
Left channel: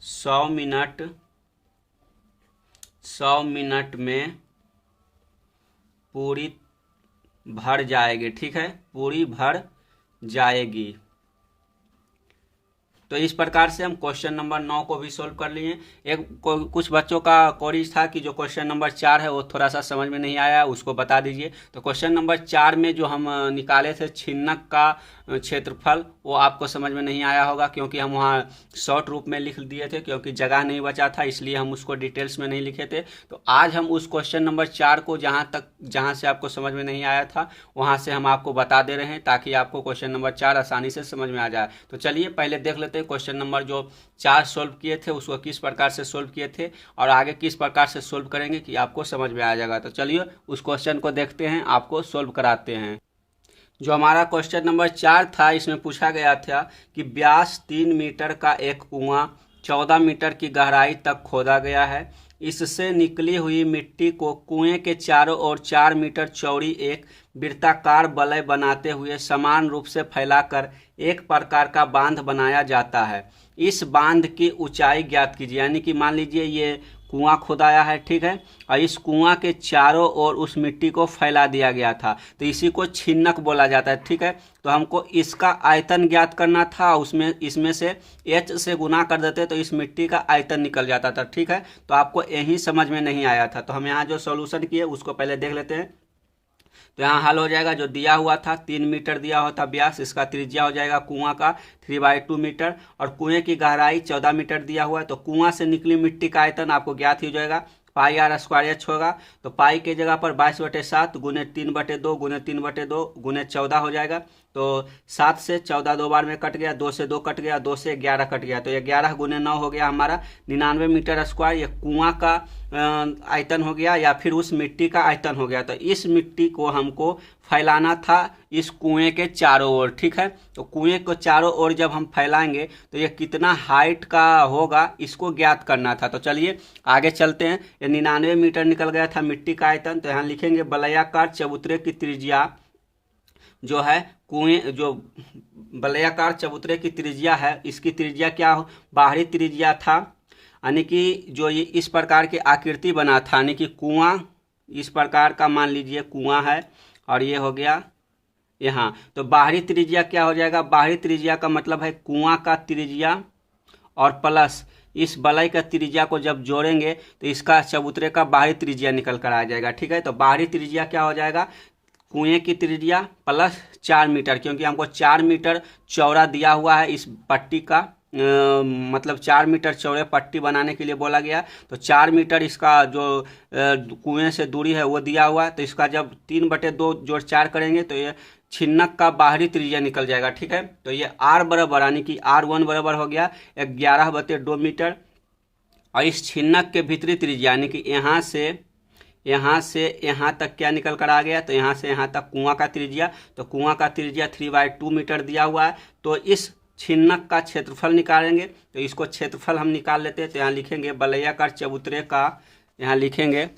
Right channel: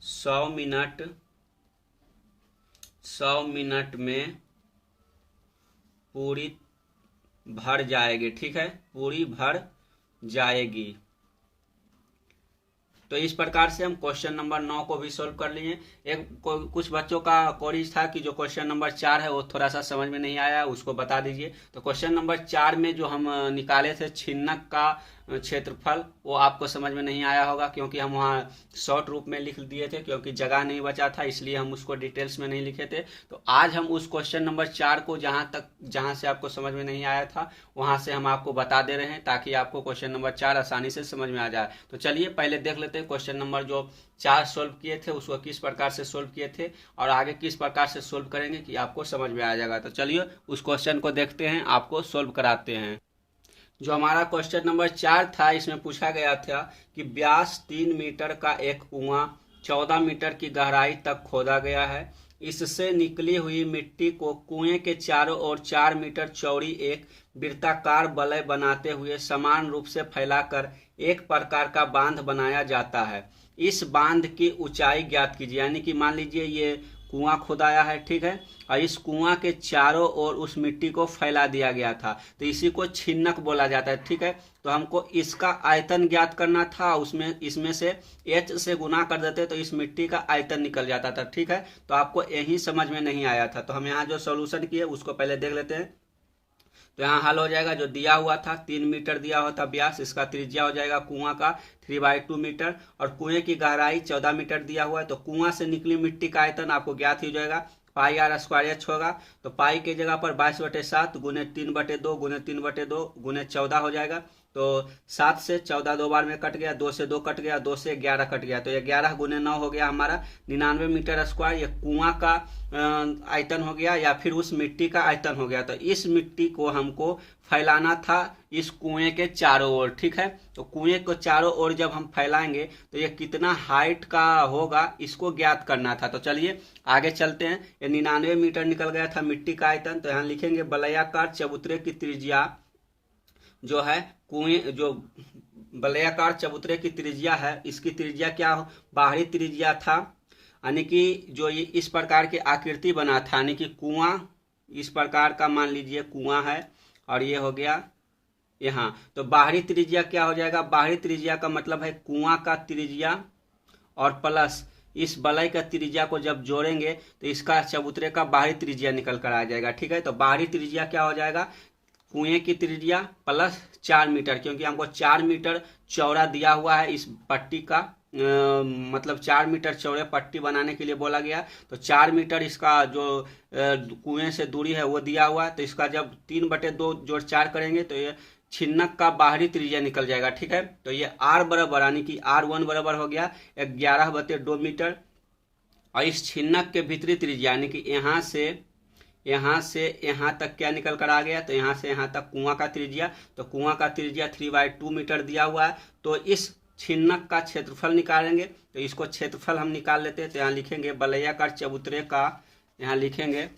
100 मिनट में पूरी भर जाएगी। ठीक है, पूरी भर जाएगी। तो इस प्रकार से हम क्वेश्चन नंबर 9 को भी सोल्व कर लिए। कुछ बच्चों का क्वेरीज था कि जो क्वेश्चन नंबर 4 है वो थोड़ा सा समझ में नहीं आया, उसको बता दीजिए। तो क्वेश्चन नंबर 4 में जो हम निकाले थे छिन्नक का क्षेत्रफल, वो आपको समझ में नहीं आया होगा, क्योंकि हम वहाँ शॉर्ट रूप में लिख दिए थे, क्योंकि जगह नहीं बचा था, इसलिए हम उसको डिटेल्स में नहीं लिखे थे। तो आज हम उस क्वेश्चन नंबर 4 को जहाँ से आपको समझ में नहीं आया था वहाँ से हम आपको बता दे रहे हैं, ताकि आपको क्वेश्चन नंबर 4 आसानी से समझ में आ जाए। तो चलिए पहले देख लेते हैं क्वेश्चन नंबर जो 4 सोल्व किए थे उसको किस प्रकार से सोल्व किए थे और आगे किस प्रकार से सोल्व करेंगे कि आपको समझ में आ जाएगा। तो चलिए उस क्वेश्चन को देखते हैं, आपको सोल्व कराते हैं। जो हमारा क्वेश्चन नंबर 4 था, इसमें पूछा गया था कि व्यास 3 मीटर का एक कुआं 14 मीटर की गहराई तक खोदा गया है। इससे निकली हुई मिट्टी को कुएं के चारों ओर 4 मीटर चौड़ी एक वृत्ताकार वलय बनाते हुए समान रूप से फैलाकर एक प्रकार का बांध बनाया जाता है। इस बांध की ऊंचाई ज्ञात कीजिए। यानी कि मान लीजिए ये कुआं खुदाया है, ठीक है, और इस कुआं के चारों ओर उस मिट्टी को फैला दिया गया था, तो इसी को छिन्नक बोला जाता है। ठीक है, तो हमको इसका आयतन ज्ञात करना था, उसमें इसमें से h से गुना कर देते तो इस मिट्टी का आयतन निकल जाता था। ठीक है, तो आपको यही समझ में नहीं आया था, तो हम यहाँ जो सॉल्यूशन किए उसको पहले देख लेते हैं। तो यहाँ हल हो जाएगा, जो दिया हुआ था 3 मीटर दिया हुआ था व्यास, इसका त्रिज्या हो जाएगा कुआं का 3/2 मीटर, और कुएं की गहराई 14 मीटर दिया हुआ है। तो कुआं से निकली मिट्टी का आयतन आपको ज्ञात ही हो जाएगा, पाई आर स्क्वायर एच होगा। तो पाई के जगह पर 22/7 गुने 3/2 गुने 3/2 गुने 14 हो जाएगा। तो 7 से 14 दो बार में कट गया, 2 से 2 कट गया, 2 से 11 कट गया, तो 11 गुने 9 हो गया हमारा 99 मीटर स्क्वायर। ये कुआं का आयतन हो गया या फिर उस मिट्टी का आयतन हो गया। तो इस मिट्टी को हमको फैलाना था इस कुएं के चारों ओर। ठीक है, तो कुएं को चारों ओर जब हम फैलाएंगे तो ये कितना हाइट का होगा इसको ज्ञात करना था। तो चलिए आगे चलते हैं। ये 99 मीटर निकल गया था मिट्टी का आयतन, तो यहाँ लिखेंगे वलयाकार चबूतरे की त्रिज्या जो है, कुएं जो वलयाकार चबूतरे की त्रिज्या है, इसकी त्रिज्या क्या हो, बाहरी त्रिज्या था, यानी कि जो ये इस प्रकार की आकृति बना था, यानी कि कुआं इस प्रकार का मान लीजिए कुआं है, और ये हो गया यहाँ। तो बाहरी त्रिज्या क्या हो जाएगा, बाहरी त्रिज्या का मतलब है कुआं का त्रिज्या और प्लस इस वलय का त्रिज्या को जब जोड़ेंगे तो इसका चबूतरे का बाहरी त्रिज्या निकल कर आ जाएगा। ठीक है, तो बाहरी त्रिज्या क्या हो जाएगा, कुएं की त्रिज्या प्लस 4 मीटर, क्योंकि हमको 4 मीटर चौड़ा दिया हुआ है इस पट्टी का मतलब 4 मीटर चौड़े पट्टी बनाने के लिए बोला गया। तो 4 मीटर इसका जो कुएं से दूरी है वो दिया हुआ है। तो इसका जब 3/2 जोड़ 4 करेंगे तो ये छिन्नक का बाहरी त्रिज्या निकल जाएगा, ठीक है। तो ये R बराबर यानी कि R1 बराबर हो गया 11/2 मीटर। और इस छिन्नक के भीतरी त्रिज्या यानी कि यहाँ से यहाँ तक क्या निकल कर आ गया, तो यहाँ से यहाँ तक कुआं का त्रिज्या, तो कुआं का त्रिज्या 3/2 मीटर दिया हुआ है। तो इस छिन्नक का क्षेत्रफल निकालेंगे, तो इसको क्षेत्रफल हम निकाल लेते हैं। तो यहाँ लिखेंगे वलयाकार चबूतरे का, यहाँ लिखेंगे,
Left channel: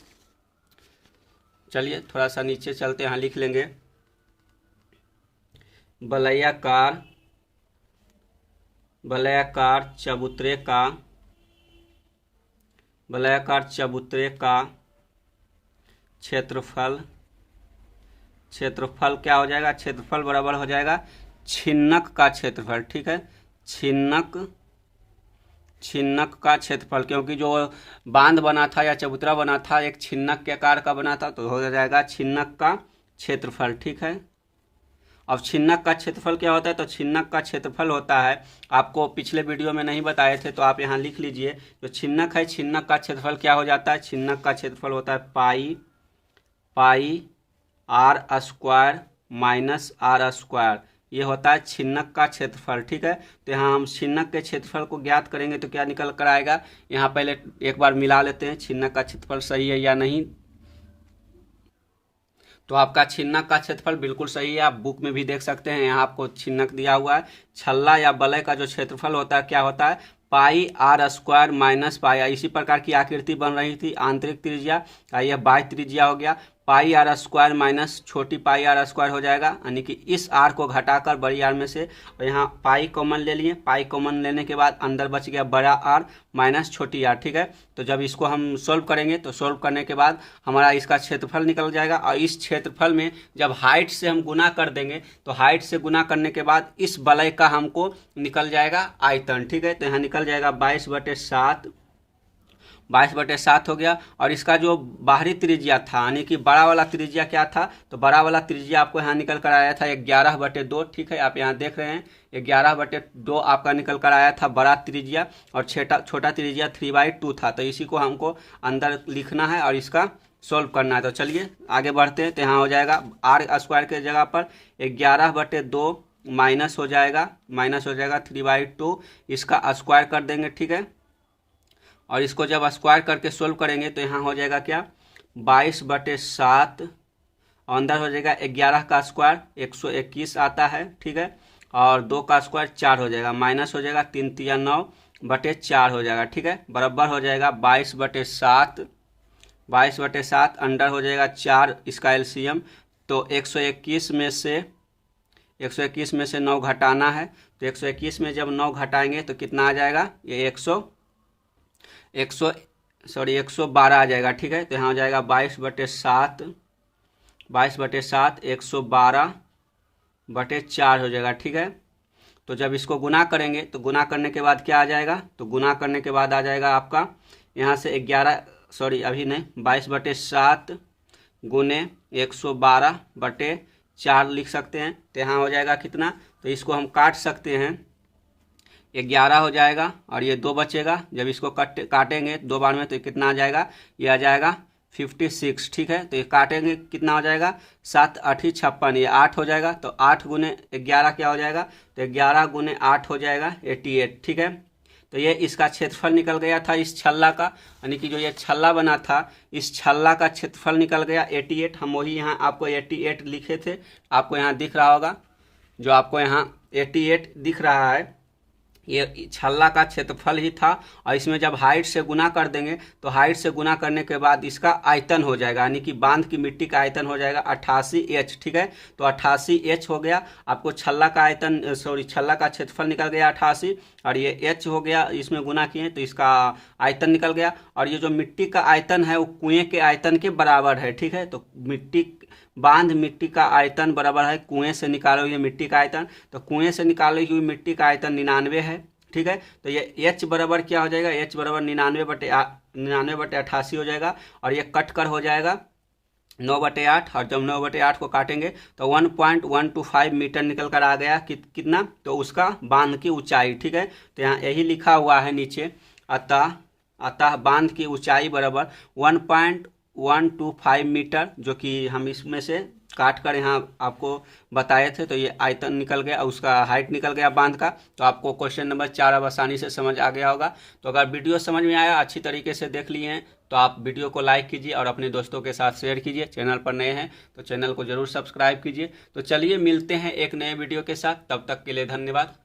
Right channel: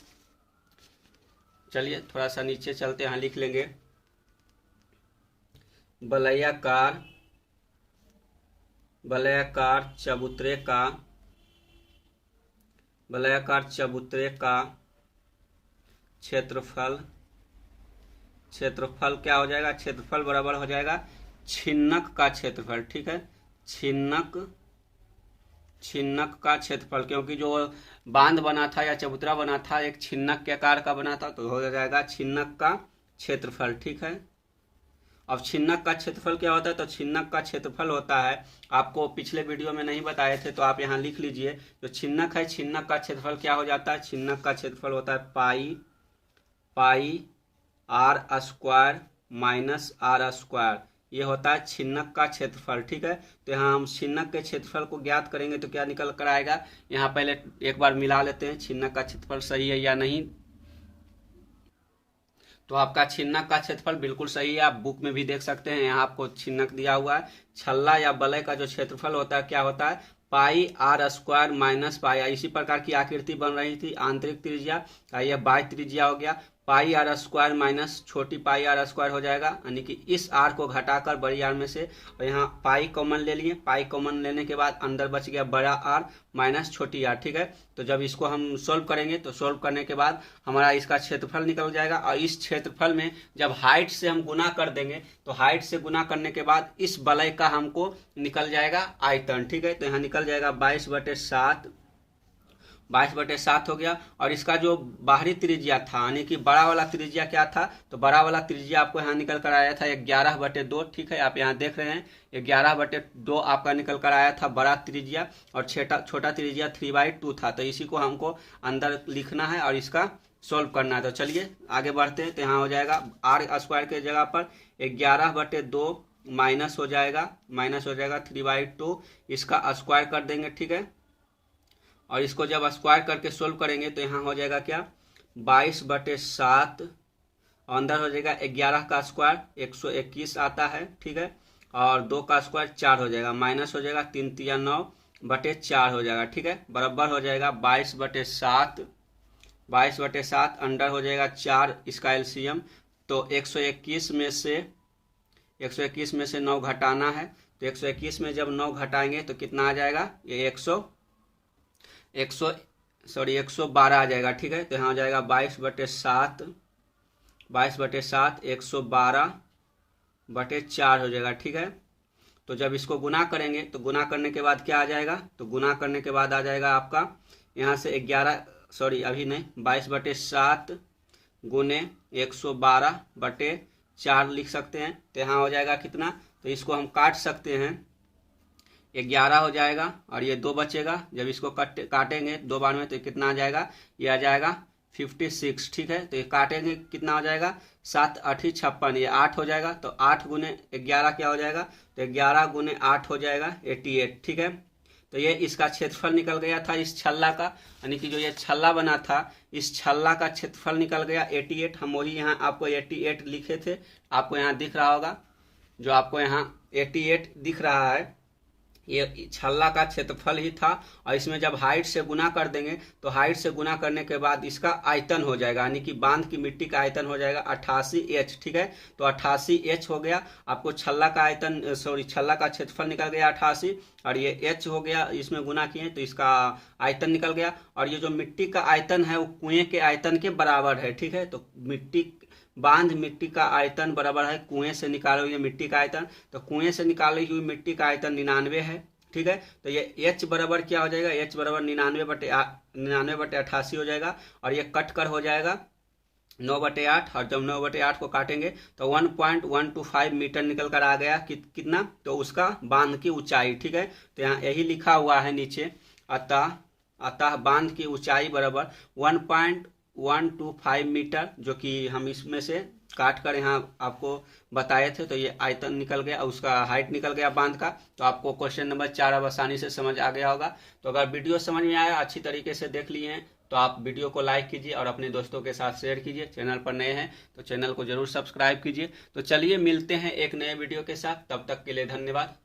चलिए थोड़ा सा नीचे चलते, यहाँ लिख लेंगे वलयाकार चबूतरे का क्षेत्रफल क्या हो जाएगा, क्षेत्रफल बराबर हो जाएगा छिन्नक का क्षेत्रफल, ठीक है। छिन्नक का क्षेत्रफल, क्योंकि जो बांध बना था या चबूतरा बना था एक छिन्नक के आकार का बना था, तो हो जाएगा छिन्नक का क्षेत्रफल, ठीक है। अब छिन्नक का क्षेत्रफल क्या होता है, तो छिन्नक का क्षेत्रफल होता है, आपको पिछले वीडियो में नहीं बताए थे तो आप यहाँ लिख लीजिए। जो छिन्नक है, छिन्नक का क्षेत्रफल क्या हो जाता है, छिन्नक का क्षेत्रफल होता है पाई r² माइनस r²। ये होता है छिन्नक का क्षेत्रफल, ठीक है। तो यहाँ हम छिन्नक के क्षेत्रफल को ज्ञात करेंगे तो क्या निकल कर आएगा, यहाँ पहले एक बार मिला लेते हैं छिन्नक का क्षेत्रफल सही है या नहीं। तो आपका छिन्नक का क्षेत्रफल बिल्कुल सही है, आप बुक में भी देख सकते हैं, यहाँ आपको छिन्नक दिया हुआ है। छल्ला या वलय का जो क्षेत्रफल होता है क्या होता है, पाई r² माइनस पाई। इसी प्रकार की आकृति बन रही थी, आंतरिक त्रिज्या, यह बाह्य त्रिज्या हो गया, पाई r² माइनस छोटी पाई r² हो जाएगा, यानी कि इस r को घटाकर बड़ी r में से, और यहाँ पाई कॉमन ले लिए, पाई कॉमन लेने के बाद अंदर बच गया बड़ा r माइनस छोटी r, ठीक है। तो जब इसको हम सोल्व करेंगे तो सोल्व करने के बाद हमारा इसका क्षेत्रफल निकल जाएगा। और इस क्षेत्रफल में जब हाइट से हम गुना कर देंगे तो हाइट से गुना करने के बाद इस वलय का हमको निकल जाएगा आयतन, ठीक है। तो यहाँ निकल जाएगा 22/7 हो गया। और इसका जो बाहरी त्रिज्या था यानी कि बड़ा वाला त्रिज्या क्या था, तो बड़ा वाला त्रिज्या आपको यहाँ निकल कर आया था 11/2, ठीक है। आप यहाँ देख रहे हैं 11/2 आपका निकल कर आया था बड़ा त्रिज्या, और छोटा त्रिज्या 3/2 था। तो इसी को हमको अंदर लिखना है और इसका सोल्व करना है। तो चलिए आगे बढ़ते हैं। तो यहाँ हो जाएगा r² के जगह पर 11/2 माइनस हो जाएगा 3/2, इसका स्क्वायर कर देंगे, ठीक है। और इसको जब स्क्वायर करके सोल्व करेंगे तो यहाँ हो जाएगा क्या 22/7, अंदर हो जाएगा 11 का स्क्वायर 121 आता है, ठीक है। और 2 का स्क्वायर 4 हो जाएगा, माइनस हो जाएगा 3 × 9/4 हो जाएगा, ठीक है। बराबर हो जाएगा 22/7 अंडर हो जाएगा 4, इसका एलसीएम। तो 121 में से 9 घटाना है, तो 121 में जब 9 घटाएंगे तो कितना आ जाएगा, ये 112 आ जाएगा, ठीक है। तो यहाँ हो जाएगा 22/7 112/4 हो जाएगा, ठीक है। तो जब इसको गुना करेंगे तो गुना करने के बाद क्या आ जाएगा, तो गुना करने के बाद आ जाएगा आपका यहाँ से 22/7 गुने 112/4 लिख सकते हैं। तो यहाँ हो जाएगा कितना, तो इसको हम काट सकते हैं, 11 हो जाएगा और ये 2 बचेगा। जब इसको काटेंगे 2 बार में तो कितना आ जाएगा, ये आ जाएगा 56, ठीक है। तो ये काटेंगे कितना हो जाएगा, 7 8 56, ये 8 हो जाएगा। तो 8 गुने 11 क्या हो जाएगा, तो 11 गुने 8 हो जाएगा 88, ठीक है। तो ये इसका क्षेत्रफल निकल गया था इस छल्ला का, यानी कि जो ये छल्ला बना था इस छल्ला का क्षेत्रफल निकल गया 88। हम वही यहाँ आपको 88 लिखे थे, आपको यहाँ दिख रहा होगा, जो आपको यहाँ 88 दिख रहा है ये छल्ला का क्षेत्रफल ही था। और इसमें जब हाइट से गुना कर देंगे तो हाइट से गुना करने के बाद इसका आयतन हो जाएगा, यानी कि बांध की मिट्टी का आयतन हो जाएगा 88H, ठीक है। तो 88H हो गया, आपको छल्ला का क्षेत्रफल निकल गया 88, और ये H हो गया, इसमें गुना किए तो इसका आयतन निकल गया। और ये जो मिट्टी का आयतन है वो कुएं के आयतन के बराबर है, ठीक है। तो मिट्टी का आयतन बराबर है कुएं से निकाले हुए मिट्टी का आयतन, तो कुएं से निकाली हुई मिट्टी का आयतन 99 है, ठीक है। तो ये H बराबर क्या हो जाएगा, H बराबर 99/88 हो जाएगा। और ये कट कर हो जाएगा 9/8, और जब 9/8 को काटेंगे तो 1.125 मीटर निकल कर आ गया। कितना? तो उसका बांध की ऊंचाई। ठीक है, तो यहाँ यही लिखा हुआ है नीचे, अतः अतः बांध की ऊंचाई बराबर 1.125 मीटर, जो कि हम इसमें से काट कर यहाँ आपको बताए थे। तो ये आयतन निकल गया, उसका हाइट निकल गया बांध का। तो आपको क्वेश्चन नंबर 4 अब आसानी से समझ आ गया होगा। तो अगर वीडियो समझ में आया, अच्छी तरीके से देख लिए हैं, तो आप वीडियो को लाइक कीजिए और अपने दोस्तों के साथ शेयर कीजिए। चैनल पर नए हैं तो चैनल को जरूर सब्सक्राइब कीजिए। तो चलिए मिलते हैं एक नए वीडियो के साथ, तब तक के लिए धन्यवाद।